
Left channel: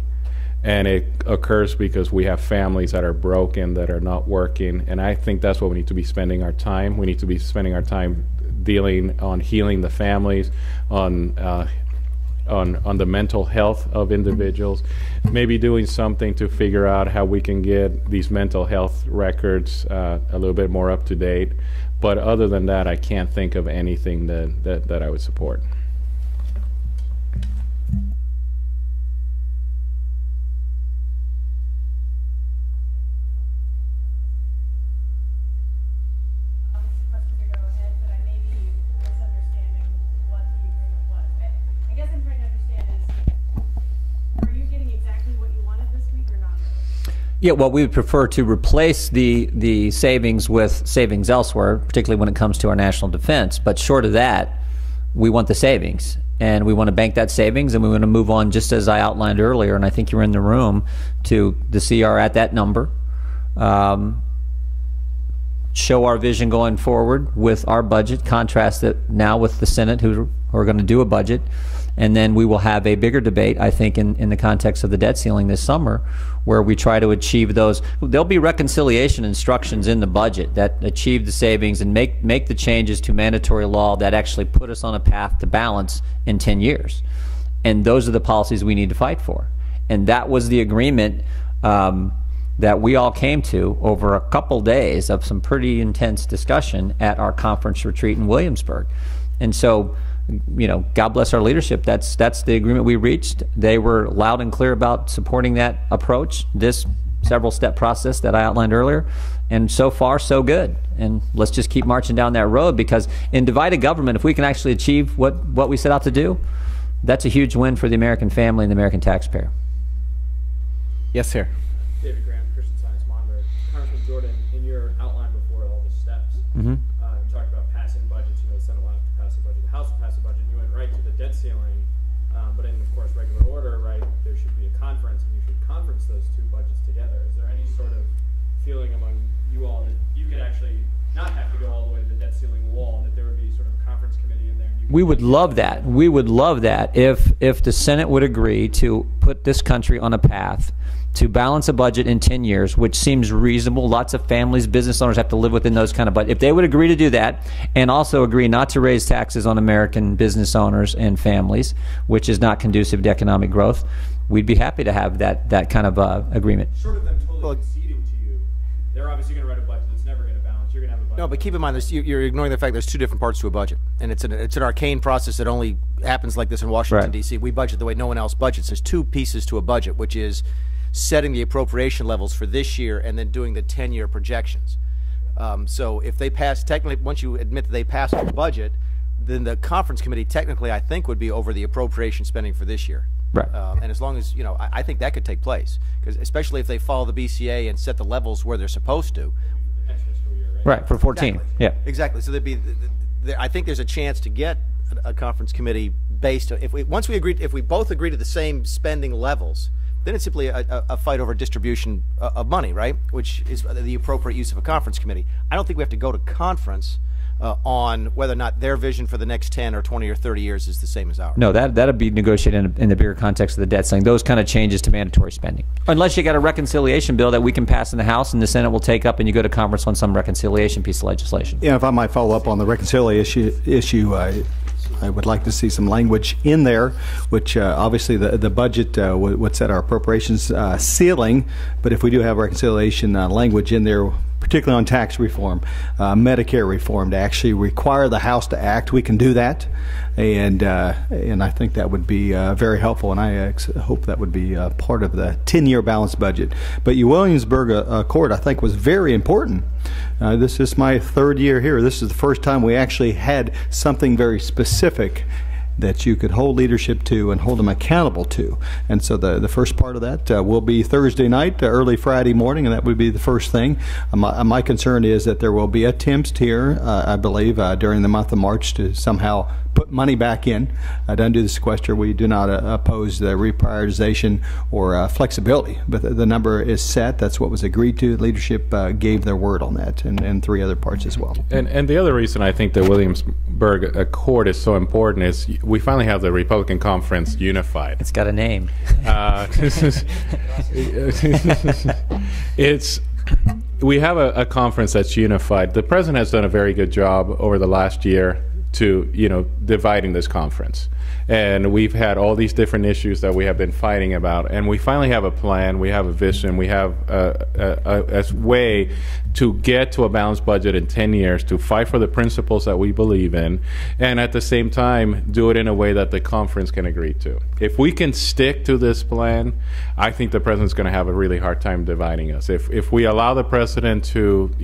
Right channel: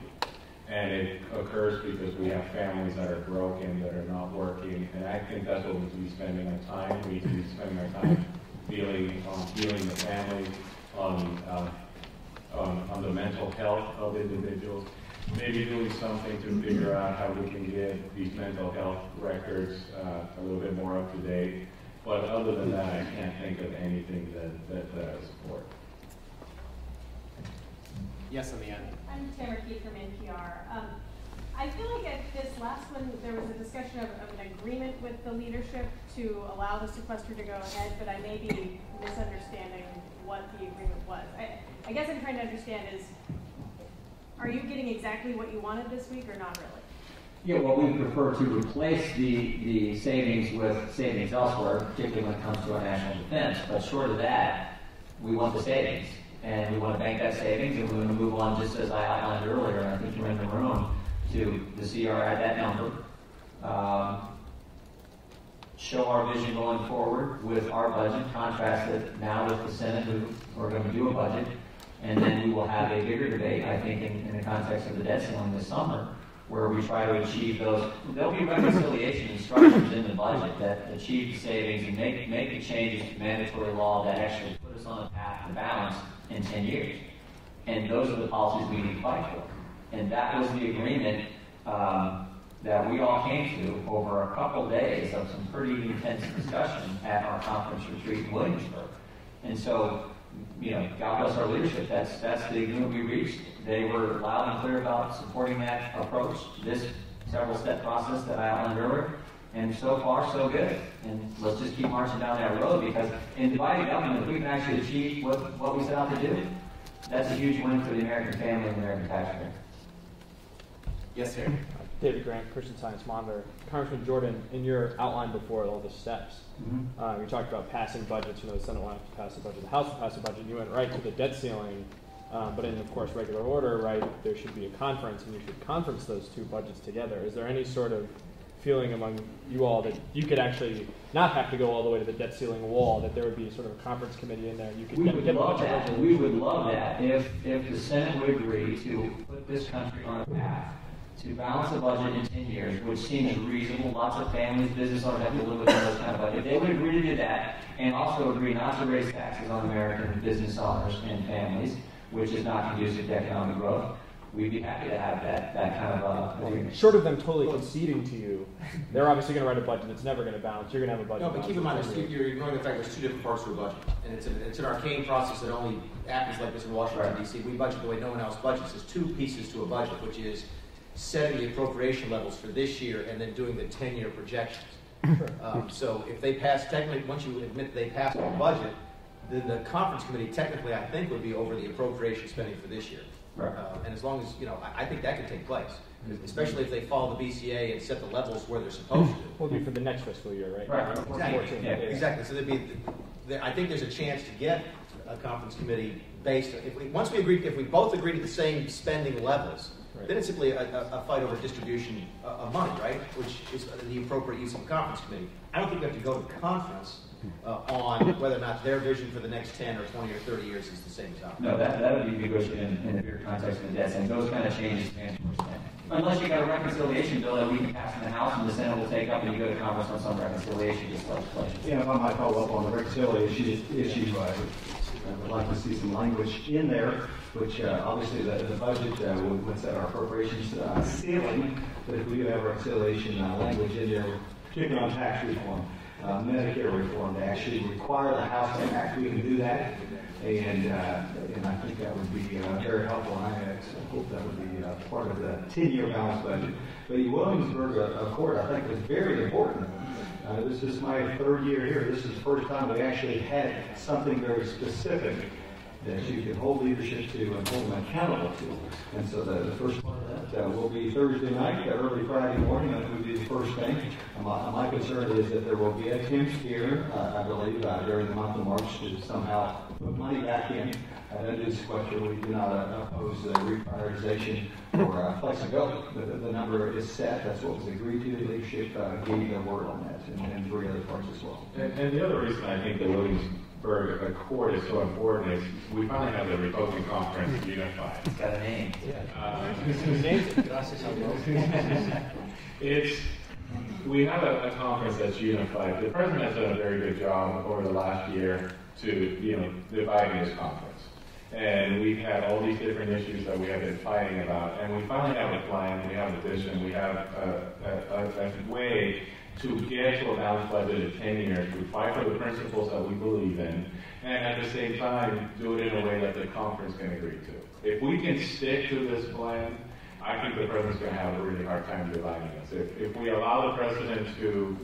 And it occurs because we have families that are broken, that are not working. And I think that's what we need to be spending our time. We need to be spending our time dealing on healing the families, on the mental health of individuals, maybe doing something to figure out how we can get these mental health records a little bit more up to date. But other than that, I can't think of anything that I would support. Yes, in the end. I'm Tamara Keith from NPR. I feel like at this last one, there was a discussion of an agreement with the leadership to allow the sequester to go ahead, but I may be misunderstanding what the agreement was. I guess I'm trying to understand is, are you getting exactly what you wanted this week or not really? Yeah, well, we would prefer to replace the savings with savings elsewhere, particularly when it comes to our national defense. But short of that, we want the savings. And we want to bank that savings, and we want to move on, just as I outlined earlier, and I think you were in the room, to the CR at that number. Show our vision going forward with our budget, contrast it now with the Senate, who are going to do a budget. And then we will have a bigger debate, I think, in the context of the debt ceiling this summer, where we try to achieve those. There'll be reconciliation instructions in the budget that achieve the savings and make the changes to mandatory law that actually put us on a path to balance in 10 years. And those are the policies we need to fight for. And that was the agreement that we all came to over a couple days of some pretty intense discussion at our conference retreat in Williamsburg. And so, you know, God bless our leadership. That's the agreement we reached. They were loud and clear about supporting that approach, this several-step process that I outlined earlier. And so far, so good. And let's just keep marching down that road, because in divided government, if we can actually achieve what we set out to do, that's a huge win for the American family and the American taxpayer. Yes, sir. David Grant, Christian Science Monitor. Congressman Jordan, in your outline before all the steps, you talked about passing budgets. You know, the Senate will have to pass a budget, the House will pass a budget, and you went right to the debt ceiling But in, of course, regular order, right, there should be a conference, and you should conference those two budgets together. Is there any sort of feeling among you all that you could actually not have to go all the way to the debt ceiling wall, that there would be sort of a conference committee in there? We would love that. We would love that if the Senate would agree to put this country on a path to balance a budget in 10 years, which seems reasonable. Lots of families, business owners have to live within those kind of budgets. If they would agree to do that and also agree not to raise taxes on American business owners and families, which is not conducive to economic growth, we'd be happy to have that kind of agreement. Short of them totally conceding to you, they're obviously going to write a budget that's never going to balance. You're going to have a budget. No, but keep in mind, this, you're ignoring the fact there's two different parts to a budget. And it's an arcane process that only happens like this in Washington, Right. D.C. We budget the way no one else budgets. There's two pieces to a budget, which is setting the appropriation levels for this year and then doing the 10-year projections. So if they pass, technically, once you admit that they passed the budget, then the conference committee technically, I think, would be over the appropriation spending for this year. Right. And as long as, I think that could take place. Because especially if they follow the BCA and set the levels where they're supposed to. Will be for the next fiscal year, right? Right, for 14. Yeah. Exactly. So I think there's a chance to get a conference committee based on, if we both agree to the same spending levels, then it's simply a fight over distribution of money, right? Which is the appropriate use of a conference committee. I don't think we have to go to conference on whether or not their vision for the next 10 or 20 or 30 years is the same as ours. No, that'd be negotiated in the bigger context of the debt ceiling. Those kind of changes to mandatory spending. Unless you got a reconciliation bill that we can pass in the House and the Senate will take up and you go to conference on some reconciliation piece of legislation. Yeah, if I might follow up on the reconciliation issue, I would like to see some language in there, which obviously the budget would set our appropriations ceiling, but if we do have reconciliation language in there, particularly on tax reform, Medicare reform, to actually require the House to act, we can do that. And I think that would be very helpful, and I hope that would be part of the 10-year balanced budget. But your Williamsburg Accord, I think, was very important. This is my third year here. This is the first time we actually had something very specific that you could hold leadership to and hold them accountable to. And so the first part of that will be Thursday night, early Friday morning, and that would be the first thing. My concern is that there will be attempts here, I believe, during the month of March to somehow put money back in to undo the sequester. We do not oppose the reprioritization or flexibility, but the number is set. That's what was agreed to. Leadership gave their word on that, and three other parts as well. And the other reason I think the Williamsburg Accord is so important is we finally have the Republican Conference unified. It's got a name. We have a conference that's unified. The president has done a very good job over the last year to dividing this conference, and we've had all these different issues that we have been fighting about, and we finally have a plan, we have a vision, we have a way to get to a balanced budget in 10 years, to fight for the principles that we believe in, and at the same time do it in a way that the conference can agree to. If we can stick to this plan, I think the president's going to have a really hard time dividing us. If we allow the president to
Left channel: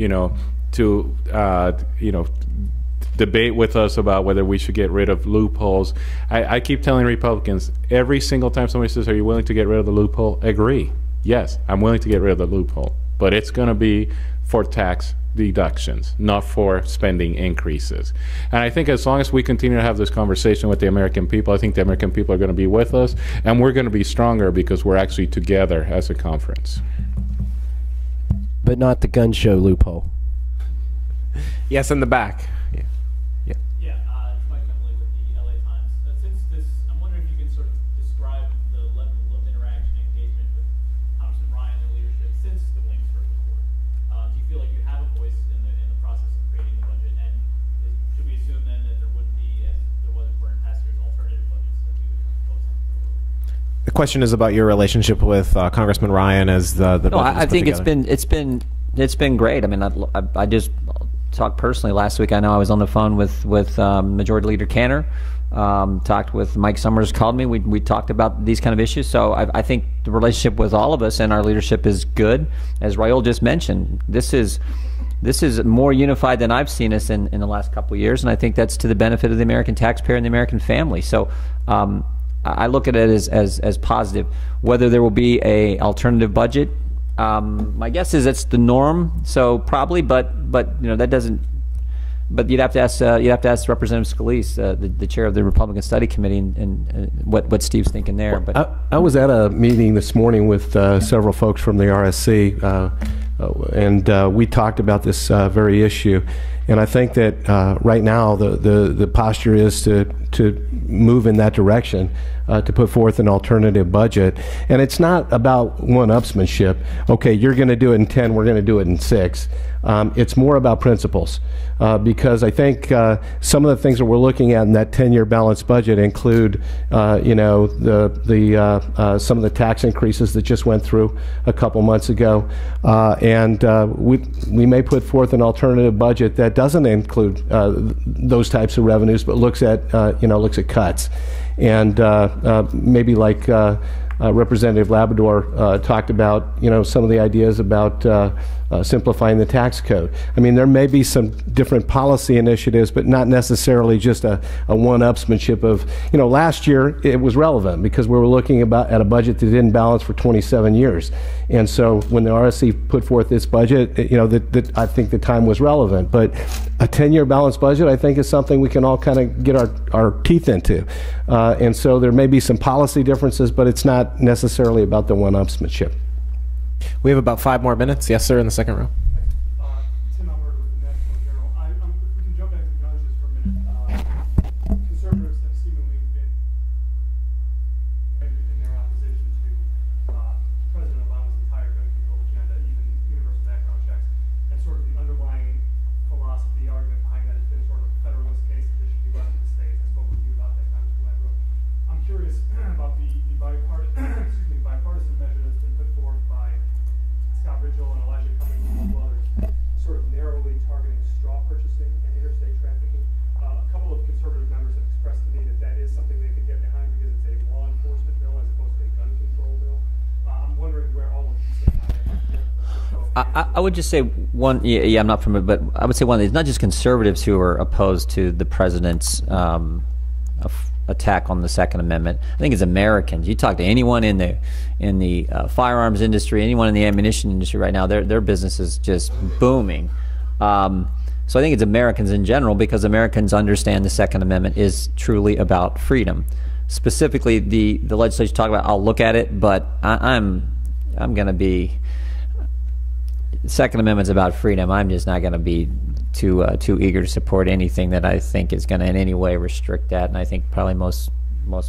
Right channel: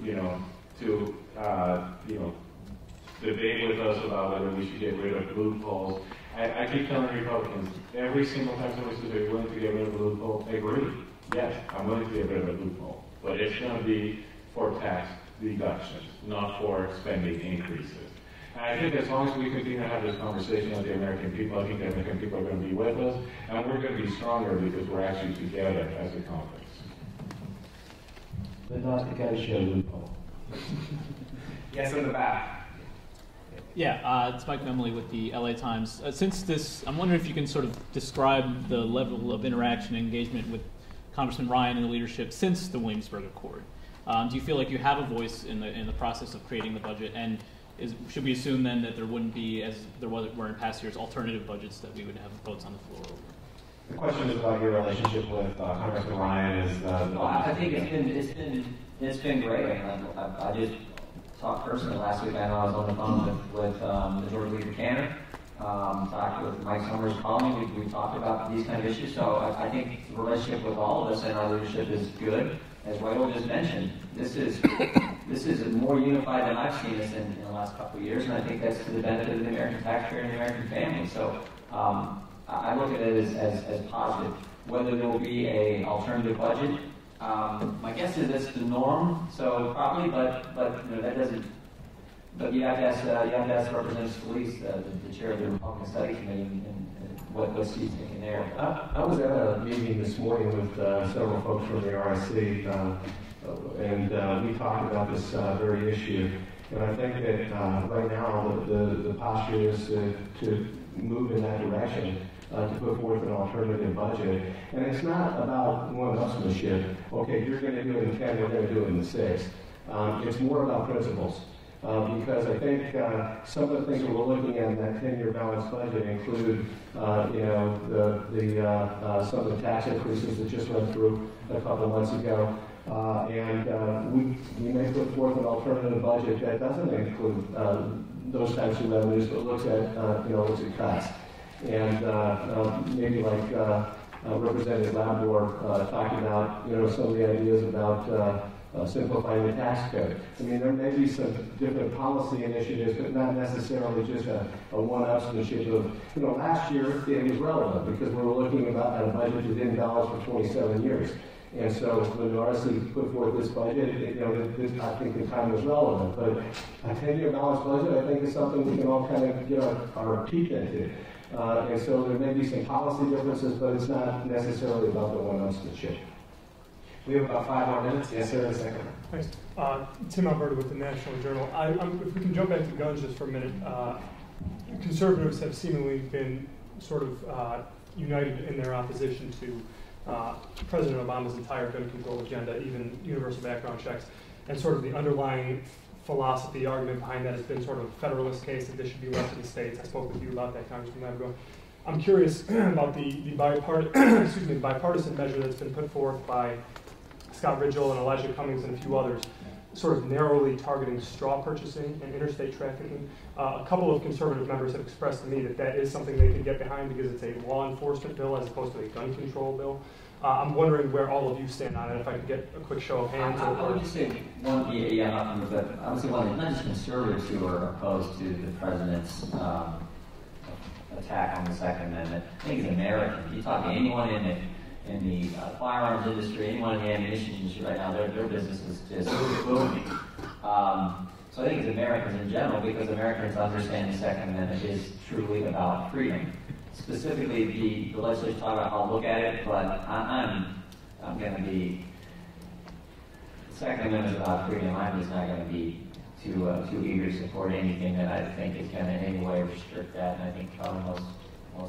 debate with us about whether we should get rid of loopholes. I keep telling Republicans, every single time somebody says, are you willing to get rid of the loophole? Agree. Yes, I'm willing to get rid of the loophole. But it's going to be for tax deductions, not for spending increases. And I think as long as we continue to have this conversation with the American people, I think the American people are going to be with us, and we're going to be stronger because we're actually together as a conference. But not the gun show loophole. Yes, in the back. Yeah, it's Mike Memley with the LA Times. Since this, I'm wondering if you can sort of describe the level of interaction and engagement with Congressman Ryan and the leadership since the Williamsburg Accord. Do you feel like you have a voice in the process of creating the budget? And should we assume then that there wouldn't be, as there were in past years, alternative budgets that we would have votes on the floor? The question is about your relationship with Congressman Ryan as the. No, I think it's been great. I mean, I just talked personally last week. I know I was on the phone with Majority Leader Cantor. Talked with Mike Summers, called me. We talked about these kind of issues. So I think the relationship with all of us and our leadership is good. As Raul just mentioned, this is more unified than I've seen us in the last couple of years, and I think that's to the benefit of the American taxpayer and the American family. So I look at it as positive. Whether there will be a alternative budget, my guess is it's the norm. So probably, but that doesn't But you'd have to ask Representative Scalise, the chair of the Republican Study Committee, and what Steve's thinking there. But I was at a meeting this morning with several folks from the RSC, and we talked about this very issue. And I think that right now the posture is to move in that direction. To put forth an alternative budget. And it's not about one-upsmanship. Okay, you're going to do it in 10, we're going to do it in 6. It's more about principles. Because I think some of the things that we're looking at in that 10-year balanced budget include, you know, some of the tax increases that just went through a couple months ago. And we may put forth an alternative budget that doesn't include those types of revenues, but looks at, looks at cuts. And maybe like Representative Labrador talked about, you know, some of the ideas about simplifying the tax code. I mean, there may be some different policy initiatives, but not necessarily just a one-upsmanship of, you know, last year it was relevant because we were looking at a budget that didn't balance for 27 years. And so when the RSC put forth this budget, you know, I think the time was relevant. But a 10-year balanced budget, I think, is something we can all kind of get our teeth into. And so there may be some policy differences, but it's not necessarily about the one-upsmanship. We have about 5 more minutes. Yes, sir, in the second row. Thanks. Tim Alberta with the National Journal. If we can jump back to guns just for a minute. Conservatives have seemingly been sort of united in their opposition to President Obama's entire gun control agenda, even universal background checks, and sort of the underlying philosophy argument behind that has been sort of a federalist case that this should be left to the states. I spoke with you about that, Congressman Labrador. I'm curious about the bipartisan measure that's been put forth by Scott Ridgell and Elijah Cummings and a few others, sort of narrowly targeting straw purchasing and interstate trafficking. A couple of conservative members have expressed to me that is something they can get behind because it's a law enforcement bill as opposed to a gun control bill. I'm wondering where all of you stand on it. If I could get a quick show of hands. I would just say one. Yeah, I'm not from it, but I would say one. It's not just conservatives who are opposed to the president's attack on the Second Amendment. I think it's Americans. You talk to anyone in the firearms industry, anyone in the ammunition industry right now, their business is just booming. So I think it's Americans in general because Americans understand the Second Amendment is truly about freedom. Specifically, the legislature talked about, I'll look at it, but I'm going to be, the Second Amendment's about freedom. I'm just not going to be too eager to support anything that I think is going to in any way restrict that, and I think probably most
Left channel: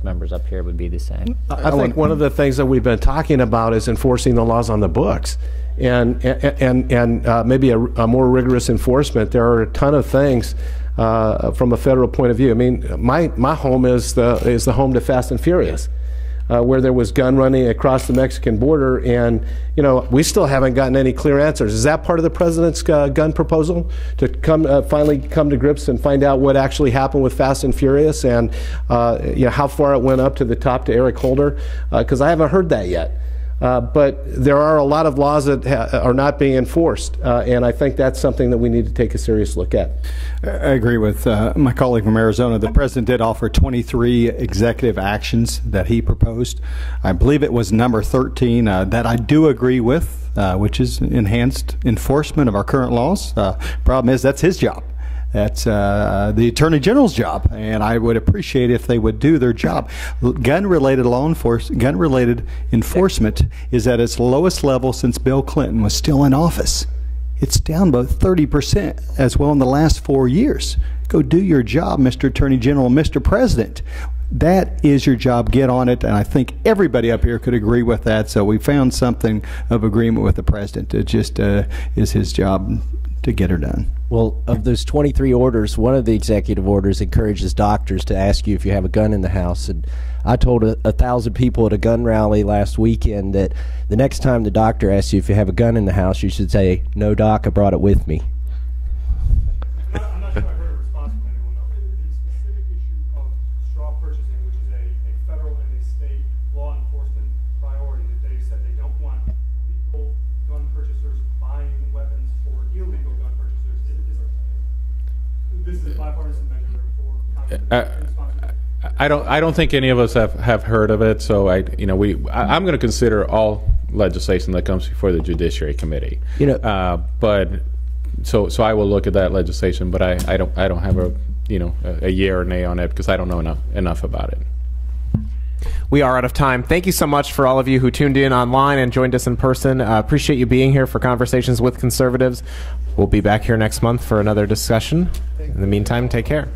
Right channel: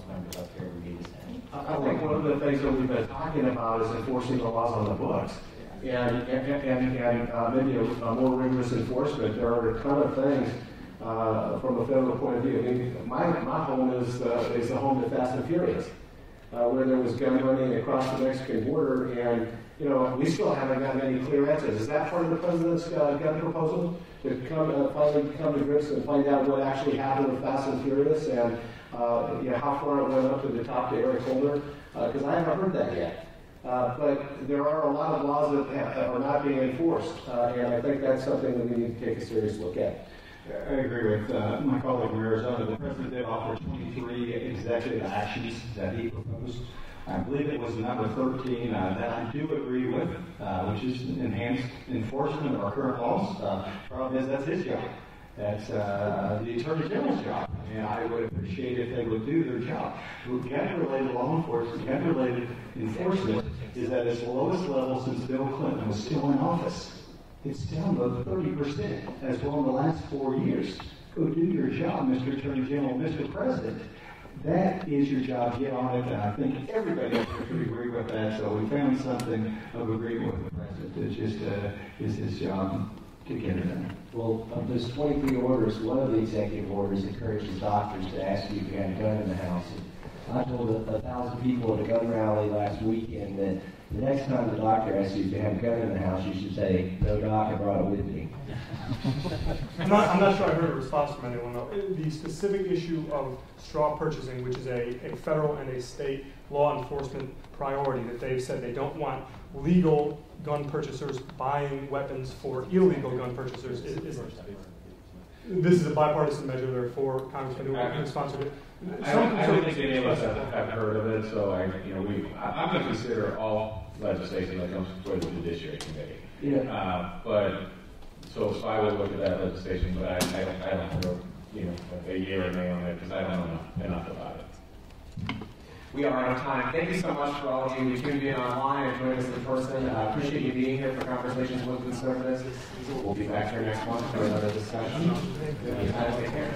members up here would be the same. I think one of the things that we've been talking about is enforcing the laws on the books. And maybe a more rigorous enforcement. There are a ton of things from a federal point of view. I mean, my home is the home to Fast and Furious, where there was gun running across the Mexican border, and you know we still haven't gotten any clear answers. Is that part of the president's gun proposal to finally come to grips and find out what actually happened with Fast and Furious, and you know how far it went up to the top to Eric Holder? Because I haven't heard that yet. But there are a lot of laws that are not being enforced, and I think that's something that we need to take a serious look at. I agree with my colleague from Arizona. The president did offer 23 executive actions that he proposed. I believe it was number 13 that I do agree with, which is enhanced enforcement of our current laws. Problem is, that's his job. That's the Attorney General's job, and I would appreciate if they would do their job. Gun-related enforcement is at its lowest level since Bill Clinton was still in office. It's down by 30% as well in the last 4 years. Go do your job, Mr. Attorney General and Mr. President. That is your job. Get on it, and I think everybody up here could agree with that. So we found something of agreement with the president. It just is his job to get her done. Well, of those 23 orders, one of the executive orders encourages doctors to ask you if you have a gun in the house. And I told 1,000 people at a gun rally last weekend that the next time the doctor asks you if you have a gun in the house, you should say, "No, doc, I brought it with me." I'm not sure I heard a response from anyone though. The specific issue of straw purchasing, which is a federal and a state law enforcement priority, that they've said they don't want legal gun purchasers buying weapons for illegal gun purchasers. This is a bipartisan measure, therefore, Congressman, who sponsored it. I don't think any of us have heard of it, so I'm going to consider all legislation that comes before the Judiciary Committee. But so I will look at that legislation, but I don't have a yay or nay on it because I don't know enough about it. We are out of time. Thank you so much for all of you who tuned in online and joined us in person. Appreciate you being here for Conversations with Conservatives. We'll be back here next month for another discussion. In the meantime, take care.